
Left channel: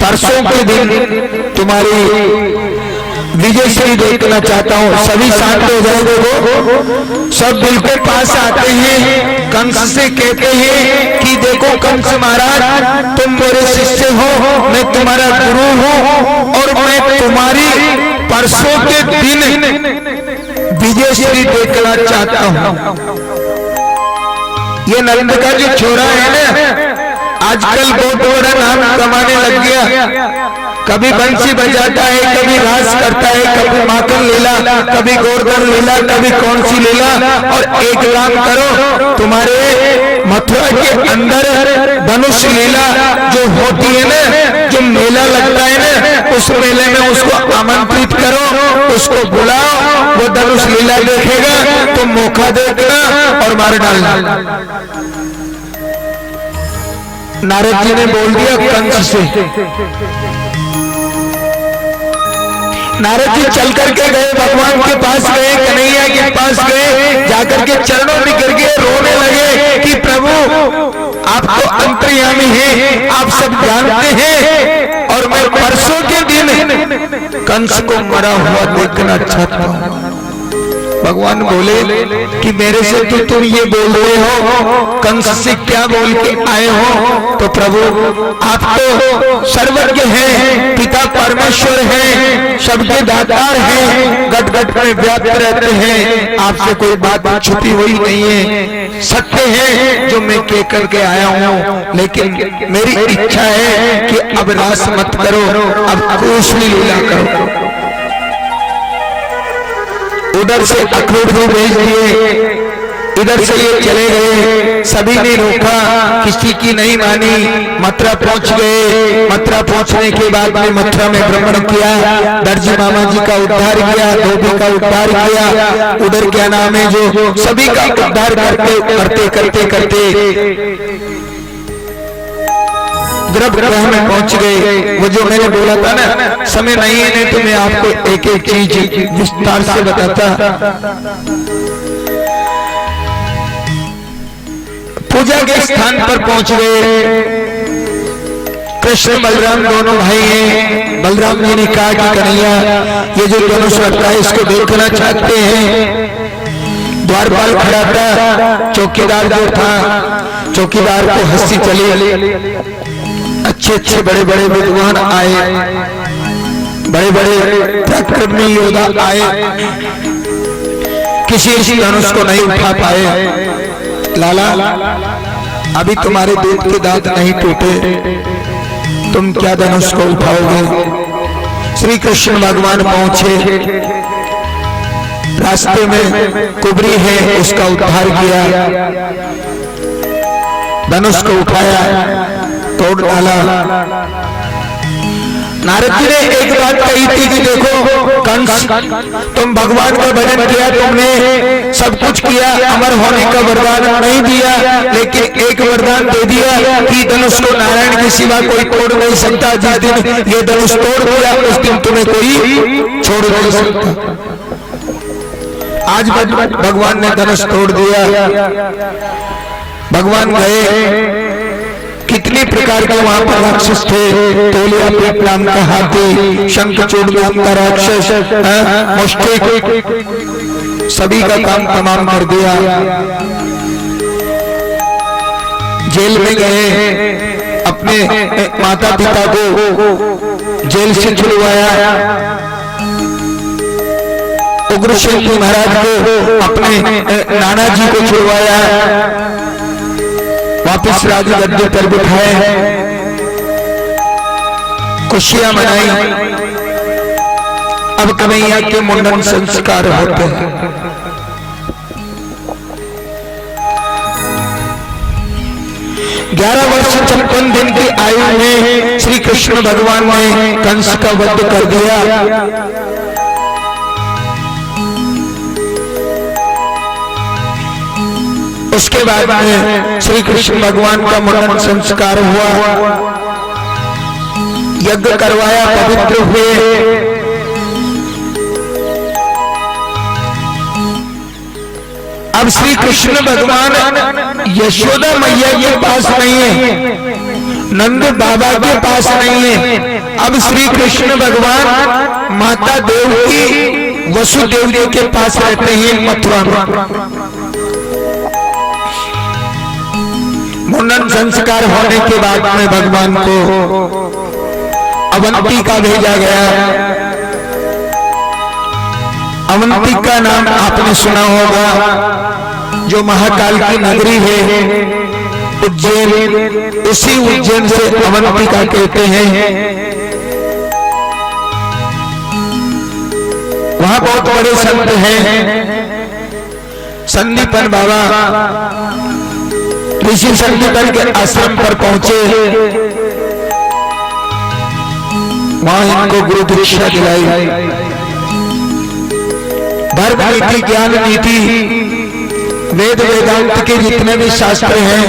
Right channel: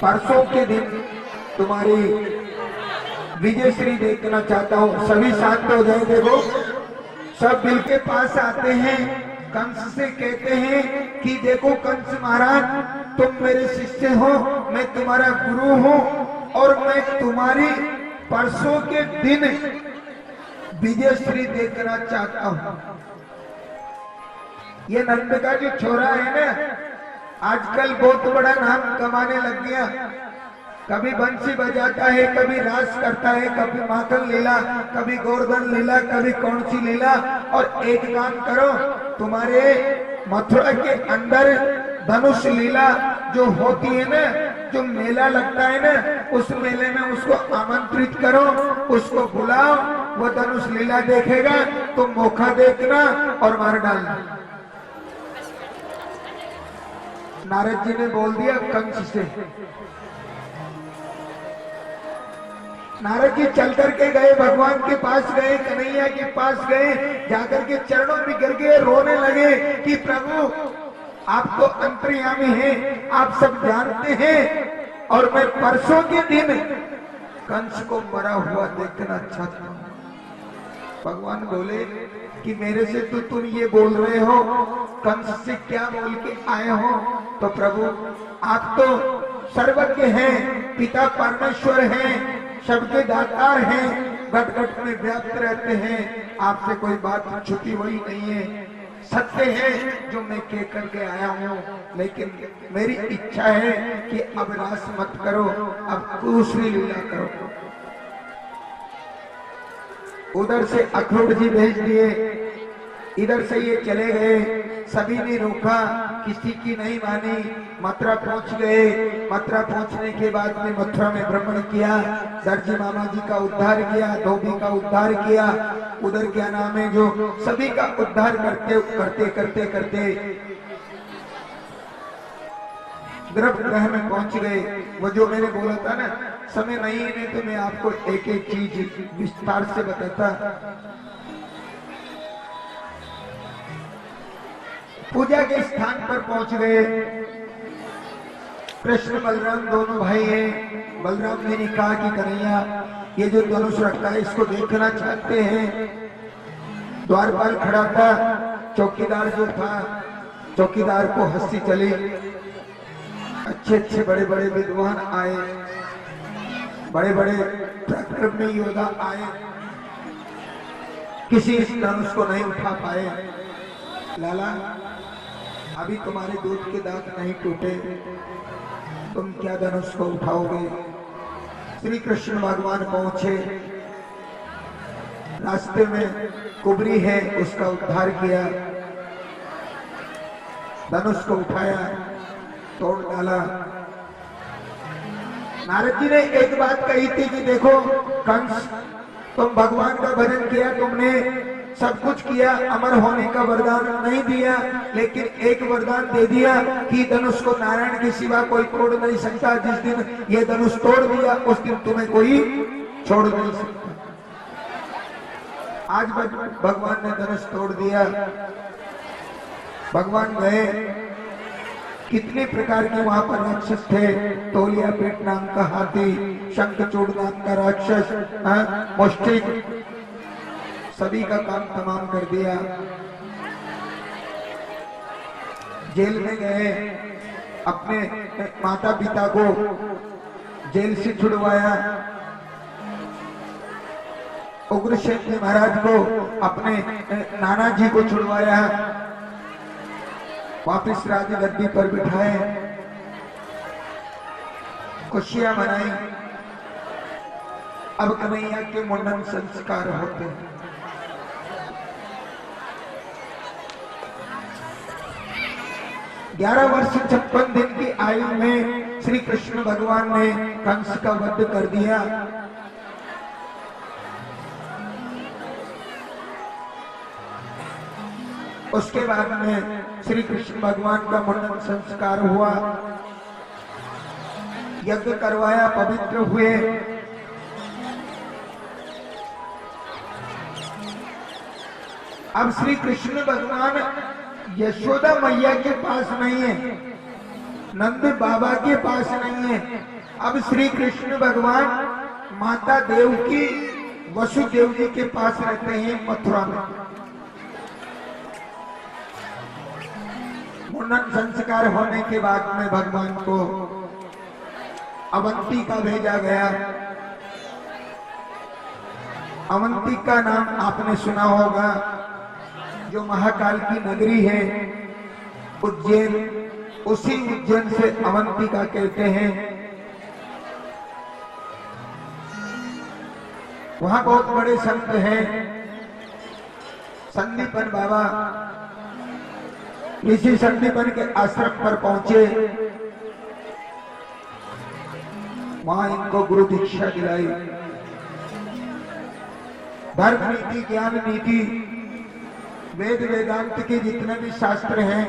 परसों के दिन तुम्हारी विजयश्री देखना चाहता हूँ। सभी शांत हो जाओ, देखो सब बिल्कुल पास आते हैं। कंस से कहते हैं कि देखो कंस महाराज, तुम मेरे शिष्य हो, मैं तुम्हारा गुरु हूँ और मैं तुम्हारी परसों के दिन विजयश्री देखना चाहता हूँ। ये नंद का जो छोरा है ना, आजकल बहुत बड़ा नाम कमाने लग गया। कभी बंसी बजाता है, कभी रास करता है, कभी माखन लीला, कभी गोवर्धन लीला, कभी कौन सी लीला। और एक काम करो, तुम्हारे मथुरा के अंदर धनुष लीला जो होती है ना, जो मेला लगता है ना, उस मेले में उसको आमंत्रित करो, उसको बुलाओ, वो धनुष लीला देखेगा तो मौका देगा और मार डालना। नारद जी ने बोल दिया कंस से। नारद जी चल करके गए, भगवान के पास गए, कन्हैया के पास गए, जाकर के चरणों में गिर गए, रोने लगे कि प्रभु आप तो अंतर्यामी हैं, आप सब जानते हैं, और मैं परसों के दिन कंस को मरा हुआ देखना चाहता हूं। भगवान बोले कि मेरे से तो तुम ये बोल रहे हो, कंस से क्या बोल के आए हो? तो प्रभु आप तो सर्वज्ञ हैं, पिता परमेश्वर हैं, सबके दातार हैं, गट गट में व्याप्त रहते हैं, आपसे कोई बात छुपी हुई नहीं है, सत्य है जो मैं कह करके आया हूँ। लेकिन मेरी इच्छा है कि अब रास मत करो, अब कृष्ण लीला करो। उधर से अखरोट भी भेज दिए, इधर से ये चले गए, सभी ने रोका, किसी की नहीं मानी। मथुरा पहुंच गए, मथुरा पहुंचने के बाद में मथुरा में भ्रमण किया, दर्जी मामा जी का उद्धार किया, धोबी का उद्धार किया, उधर क्या नाम है जो सभी का उद्धार करते करते करते गर्भगृह में पहुंच गए। वो जो मैंने बोला था ना, समय नहीं है, नहीं तो मैं आपको एक एक चीज विस्तार से बताता। पूजा के स्थान पर पहुंच गए। कृष्ण बलराम दोनों भाई हैं। बलराम जी ने कहा कि कन्हैया ये जो धनुष रखा है इसको देखना चाहते हैं। द्वारपाल खड़ा था, चौकीदार जो था, चौकीदार को हंसी चली। अच्छे अच्छे बड़े बड़े विद्वान आए, बड़े बड़े पराक्रमी योद्धा आए, किसी इसी धनुष को नहीं उठा पाए। लाला अभी तुम्हारे दूध के दांत नहीं टूटे, तुम क्या धनुष को उठाओगे? श्री कृष्ण भगवान पहुंचे, रास्ते में कुबरी है, उसका उद्धार किया, धनुष को उठाया, तोड़ डाला। नारद जी ने एक बात कही थी कि देखो कंस, तुम भगवान का भजन किया, तुमने सब कुछ किया, अमर होने का वरदान नहीं दिया, लेकिन एक वरदान दे दिया कि धनुष को नारायण के सिवा कोई तोड़ नहीं सकता। जिस दिन ये धनुष तोड़ दिया उस दिन तुम्हें कोई छोड़ नहीं सकता। आज भगवान ने धनुष तोड़ दिया। भगवान गए, कितने प्रकार के वहां पर राक्षस थे। तोलिया पेट नाम का हाथी, शंखचूड़ नाम का राक्षस, मुष्टिक, सभी का काम तमाम कर दिया। जेल में गए, अपने माता पिता को जेल से छुड़वाया। उग्रसेन महाराज को, अपने नाना जी को छुड़वाया, वापिस राज गद्दी पर बिठाए, खुशियां मनाई। अब कन्हैया के मुंडन संस्कार होते हैं। ग्यारह वर्ष 56 दिन की आयु में श्री कृष्ण भगवान ने कंस का वध कर दिया। उसके बाद में श्री कृष्ण भगवान का मुंडन संस्कार हुआ, यज्ञ करवाया, पवित्र हुए। अब श्री कृष्ण भगवान यशोदा मैया के पास नहीं है, नंद बाबा के पास नहीं है। अब श्री कृष्ण भगवान माता देवकी वसुदेव जी के पास रहते हैं मथुरा में। मुंडन संस्कार होने के बाद में भगवान को अवंती का भेजा गया। अवंती का नाम आपने सुना होगा, जो महाकाल की नगरी है, उज्जैन, उसी उज्जैन से अवंती का कहते हैं। वहां बहुत बड़े संत हैं, संदीपन बाबा ऋषि संदीपन के आश्रम पर पहुंचे। वहां इनको गुरु दीक्षा दिलाई। धर्म नीति ज्ञान नीति वेद वेदांत के जितने भी शास्त्र हैं,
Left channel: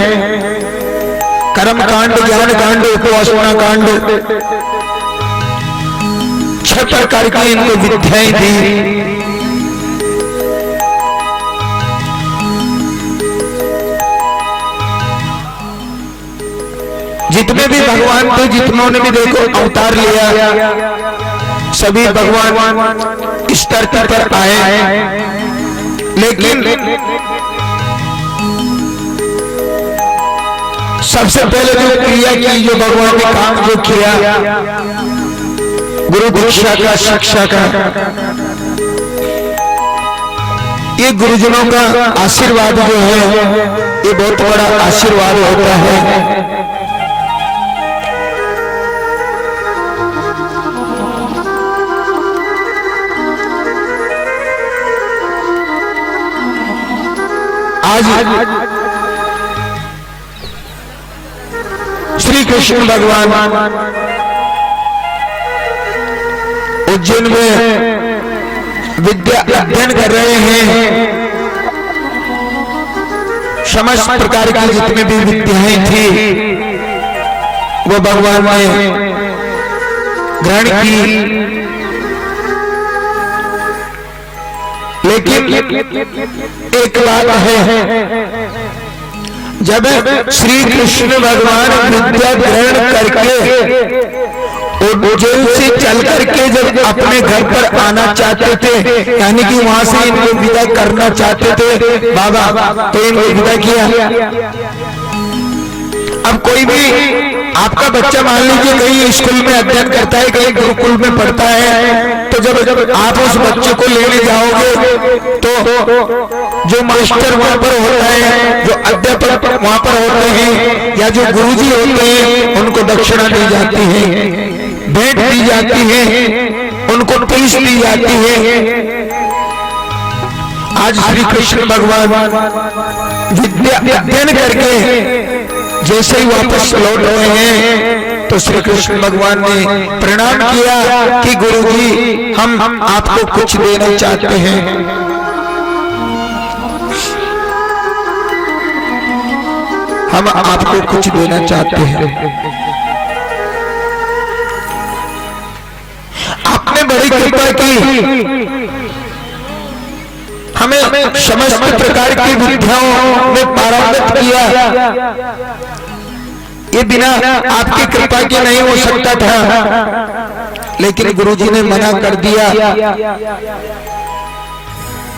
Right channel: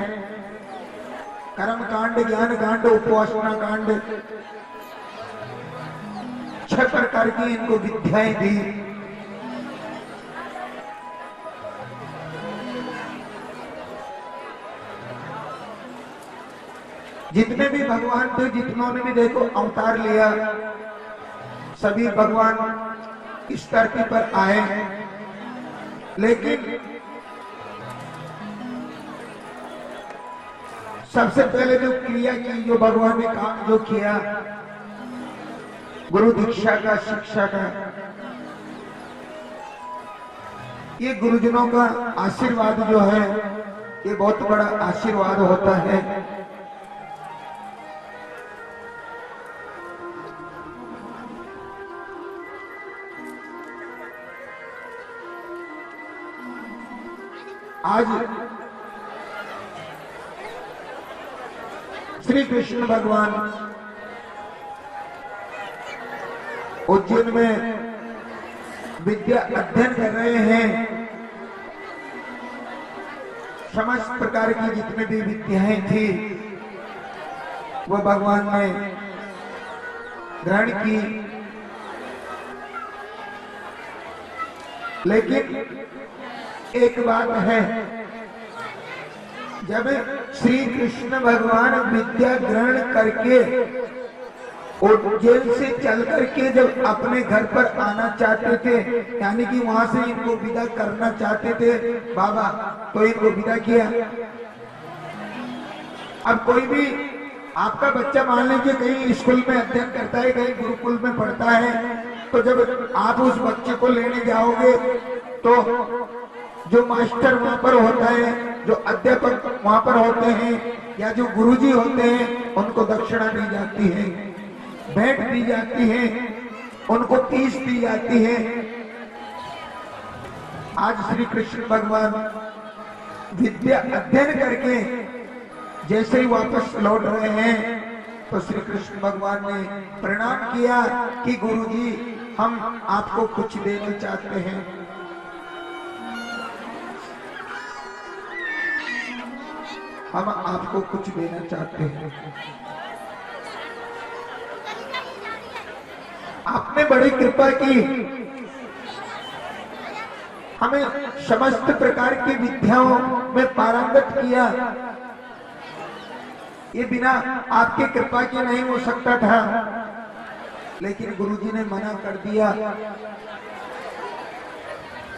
कर्म कांड ज्ञान कांड उपासना कांड 6 प्रकार की इनको विद्याएं दी। जितने भी भगवान थे, जितनों ने भी देखो अवतार लिया, सभी भगवान इस धरती पर आए, लेकिन सबसे पहले जो क्रिया की, जो भगवान ने काम जो किया, गुरु दीक्षा का, शिक्षा का, ये गुरुजनों का आशीर्वाद जो है, ये बहुत बड़ा आशीर्वाद होता है। आज श्री कृष्ण भगवान उज्जैन में विद्या अध्ययन कर रहे हैं। समस्त प्रकार की जितनी भी विद्याएं थी वो भगवान ने ग्रहण की, लेकिन एक बात है, जब श्री कृष्ण भगवान विद्या ग्रहण करके उज्जैन से चल करके जब अपने घर पर आना चाहते थे, यानी कि वहां से इनको विदा करना चाहते थे बाबा, तो इनको विदा किया। अब कोई भी आपका बच्चा मान लीजिए कहीं स्कूल में अध्ययन करता है, कहीं गुरुकुल में पढ़ता है, तो जब आप उस बच्चे को लेने जाओगे तो जो मास्टर वहां पर होता है, जो अध्यापक वहां पर होते हैं, या जो गुरुजी होते हैं, उनको दक्षिणा दी जाती है, भेंट दी जाती है, उनको फीस दी जाती है। आज श्री कृष्ण भगवान विद्या अध्ययन करके जैसे ही वापस लौट रहे हैं, तो श्री कृष्ण भगवान ने प्रणाम किया कि गुरुजी हम आपको कुछ देना चाहते हैं। हम आपको कुछ देना चाहते हैं। आपने बड़ी कृपा की, हमें समस्त प्रकार की विद्याओं में पारंगत किया। ये बिना आपकी कृपा के नहीं हो सकता था, लेकिन गुरुजी ने मना कर दिया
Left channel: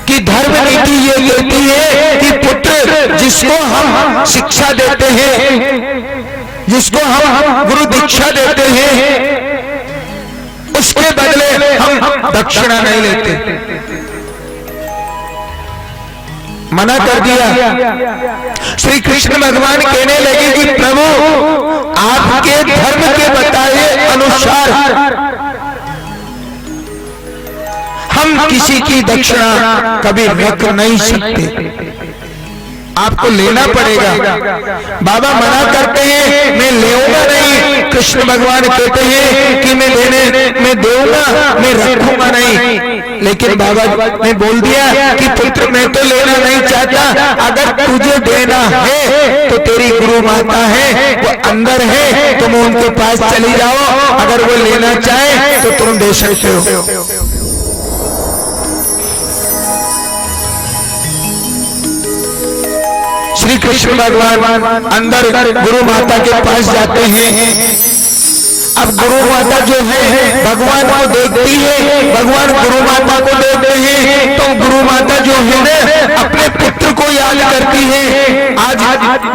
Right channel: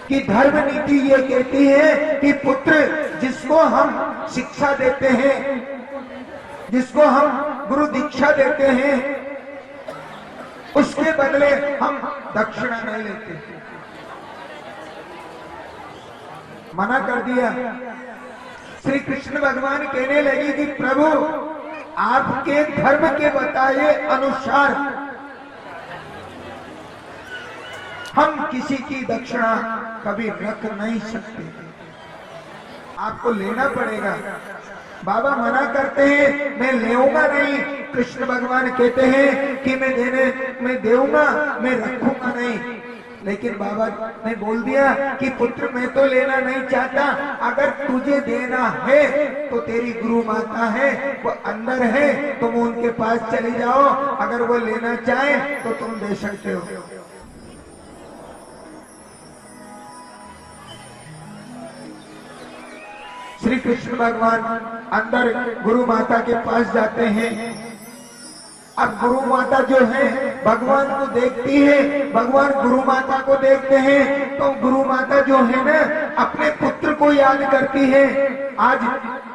कि धर्म नीति ये कहती है कि पुत्र जिसको हम शिक्षा देते हैं, जिसको हम गुरु दीक्षा देते हैं, उसके बदले हम दक्षिणा नहीं लेते। मना कर दिया। श्री कृष्ण भगवान कहने लगे कि प्रभु आपके धर्म के बताए अनुसार हम किसी की दक्षिणा कभी रख नहीं सकते, आपको लेना पड़ेगा। बाबा मना करते हैं मैं लेऊंगा नहीं, कृष्ण भगवान कहते हैं कि मैं दूंगा, मैं रखूंगा नहीं। लेकिन बाबा ने बोल दिया कि पुत्र मैं तो लेना नहीं चाहता, अगर तुझे देना है तो तेरी गुरु माता है, वो अंदर है, तुम उनके पास चली जाओ, अगर वो लेना चाहे तो तुम दे सकते हो। श्री कृष्ण भगवान अंदर गुरु माता के पास जाते हैं। अब गुरु माता जो है भगवान को देखती है, भगवान गुरु माता को देखते हैं, तो गुरु माता जो है ना अपने पुत्र को याद करती है। आज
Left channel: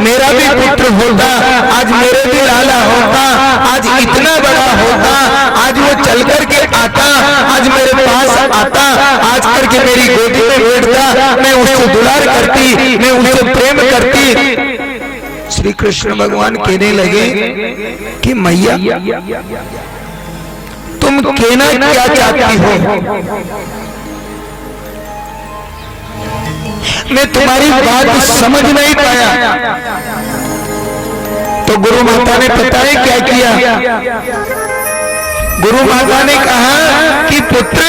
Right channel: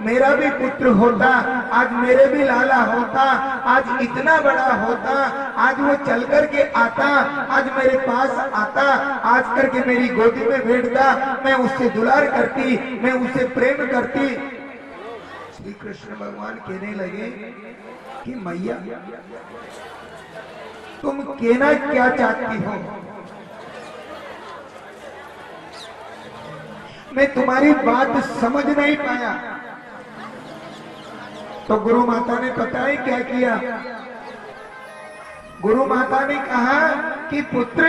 मेरा भी पुत्र होता, आज मेरे भी लाला होता, आज इतना बड़ा होता, आज वो चल करके आता, आज मेरे पास आता, आज करके मेरी गोदी में बैठता, मैं उससे दुलार करती, मैं उससे प्रेम करती। श्री कृष्ण भगवान कहने लगे कि मैया तुम कहना क्या चाहती हो, मैं तुम्हारी बात समझ नहीं पाया। तो गुरु माता ने पता है क्या किया, गुरु माता ने कहा कि पुत्र,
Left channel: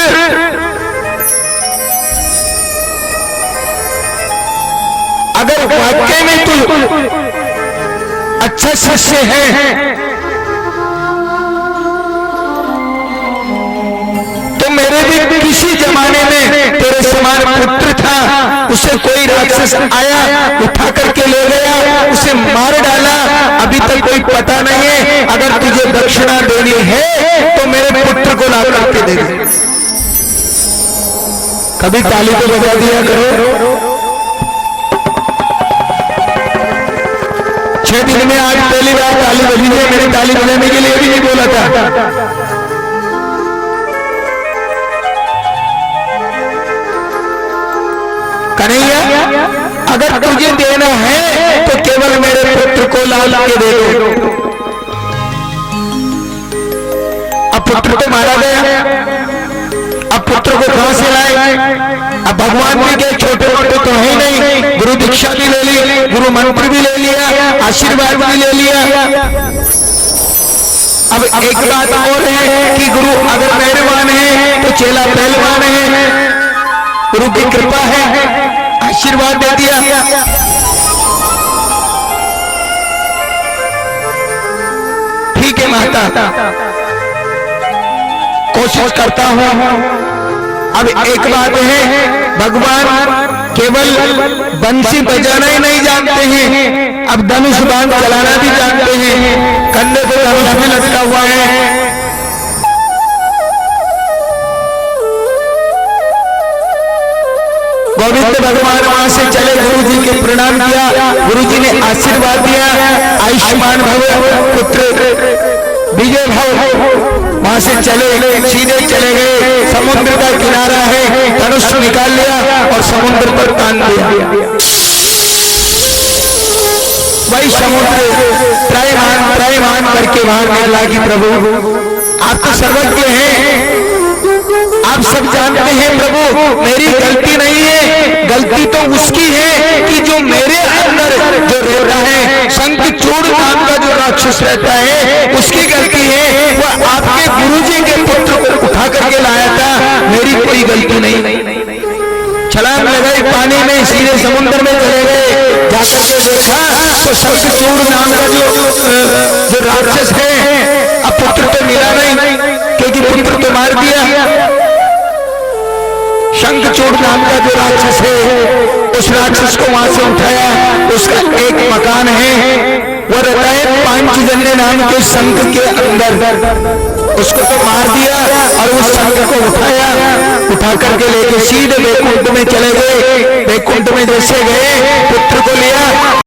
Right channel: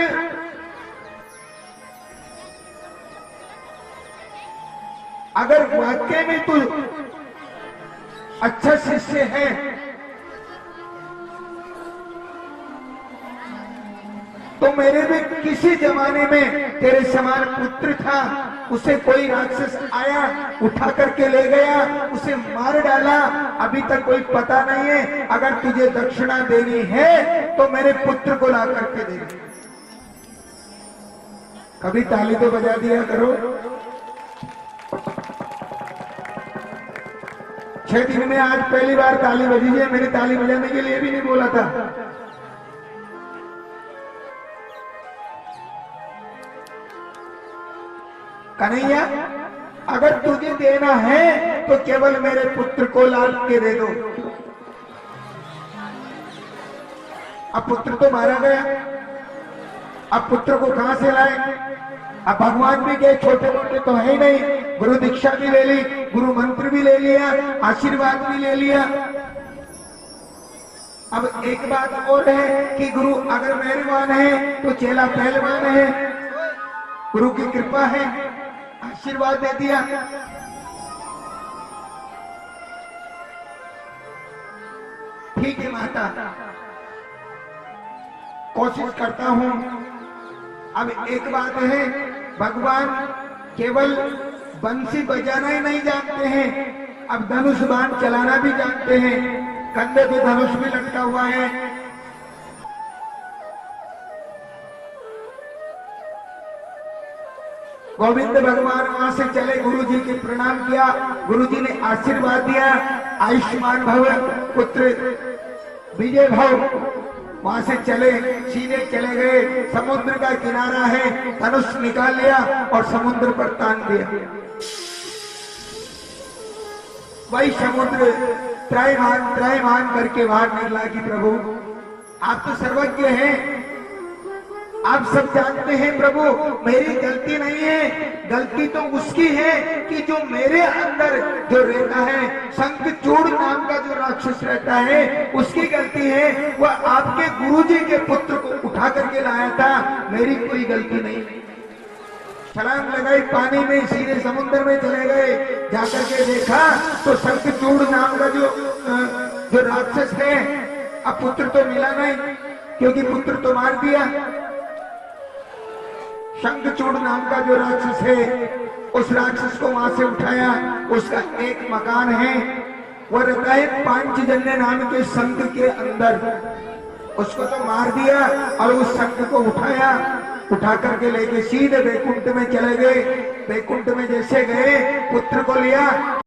अगर वाकई में तू अच्छा शिष्य है तो मेरे भी किसी जमाने में तेरे समान पुत्र था, उसे कोई राक्षस आया उठा करके ले गया, उसे मार डाला, अभी तक कोई पता नहीं है। अगर तुझे दक्षिणा देनी है तो मेरे पुत्र को ला करके दे दे। कभी ताली तो बजा दिया करो। 6 दिन में आज पहली बार ताली बजी है। मैंने ताली बजाने के लिए भी नहीं बोला था। कन्हैया, अगर तुझे देना है तो केवल मेरे पुत्र को ला के दे दो। अब पुत्र तो मारा गया, अब पुत्र को कहां से लाए? अब भगवान भी के छोटे मोटे तो है नहीं, गुरु दीक्षा भी ले ली, गुरु मंत्र भी ले लिया, आशीर्वाद भी ले लिया। अब एक बात और है कि गुरु अगर मेहरबान है तो चेला पहलवान है, गुरु की कृपा है, आशीर्वाद दे दिया। ठीक है माता, कोशिश करता हूं। अब एक बात है, भगवान केवल बंसी बजाना ही नहीं जानते हैं, अब धनुष बाण चलाना भी जानते हैं। कंधे पे धनुष में लटका हुआ है। गोविंद भगवान वहां से चले, गुरु जी के प्रणाम किया, गुरु जी ने आशीर्वाद दिया, आयुष्मान भव पुत्र विजय भव। वहां से चले, सीधे चले गए, समुद्र का किनारा है, धनुष निकाल लिया और समुद्र पर तान दिया। वही समुद्र त्रयमान करके वहां निकला कि प्रभु आप तो सर्वज्ञ हैं, आप सब जानते हैं प्रभु, मेरी गलती नहीं है, गलती तो उसकी है कि जो मेरे अंदर जो रहता है, शंखचूड़ नाम का जो राक्षस रहता है, उसकी गलती है। वो आपके गुरुजी के पुत्र को उठा करके लाया था, मेरी कोई गलती नहीं। छलांग लगाई पानी में, सीधे समुद्र में चले गए। जाकर के देखा तो शंखचूड़ नाम का जो राक्षस है, अब पुत्र तो मिला नहीं, क्योंकि पुत्र तो मार दिया। शंखचूड़ नाम का जो राक्षस है, उस राक्षस को वहां से उठाया, उसका एक मकान है, वो रहता है पांचजन्य नाम के शंख के अंदर। उसको तो मार दिया और उस शंख को उठा करके लेके सीधे वैकुंठ में चले गए। वैकुंठ में जैसे गए, पुत्र को लिया,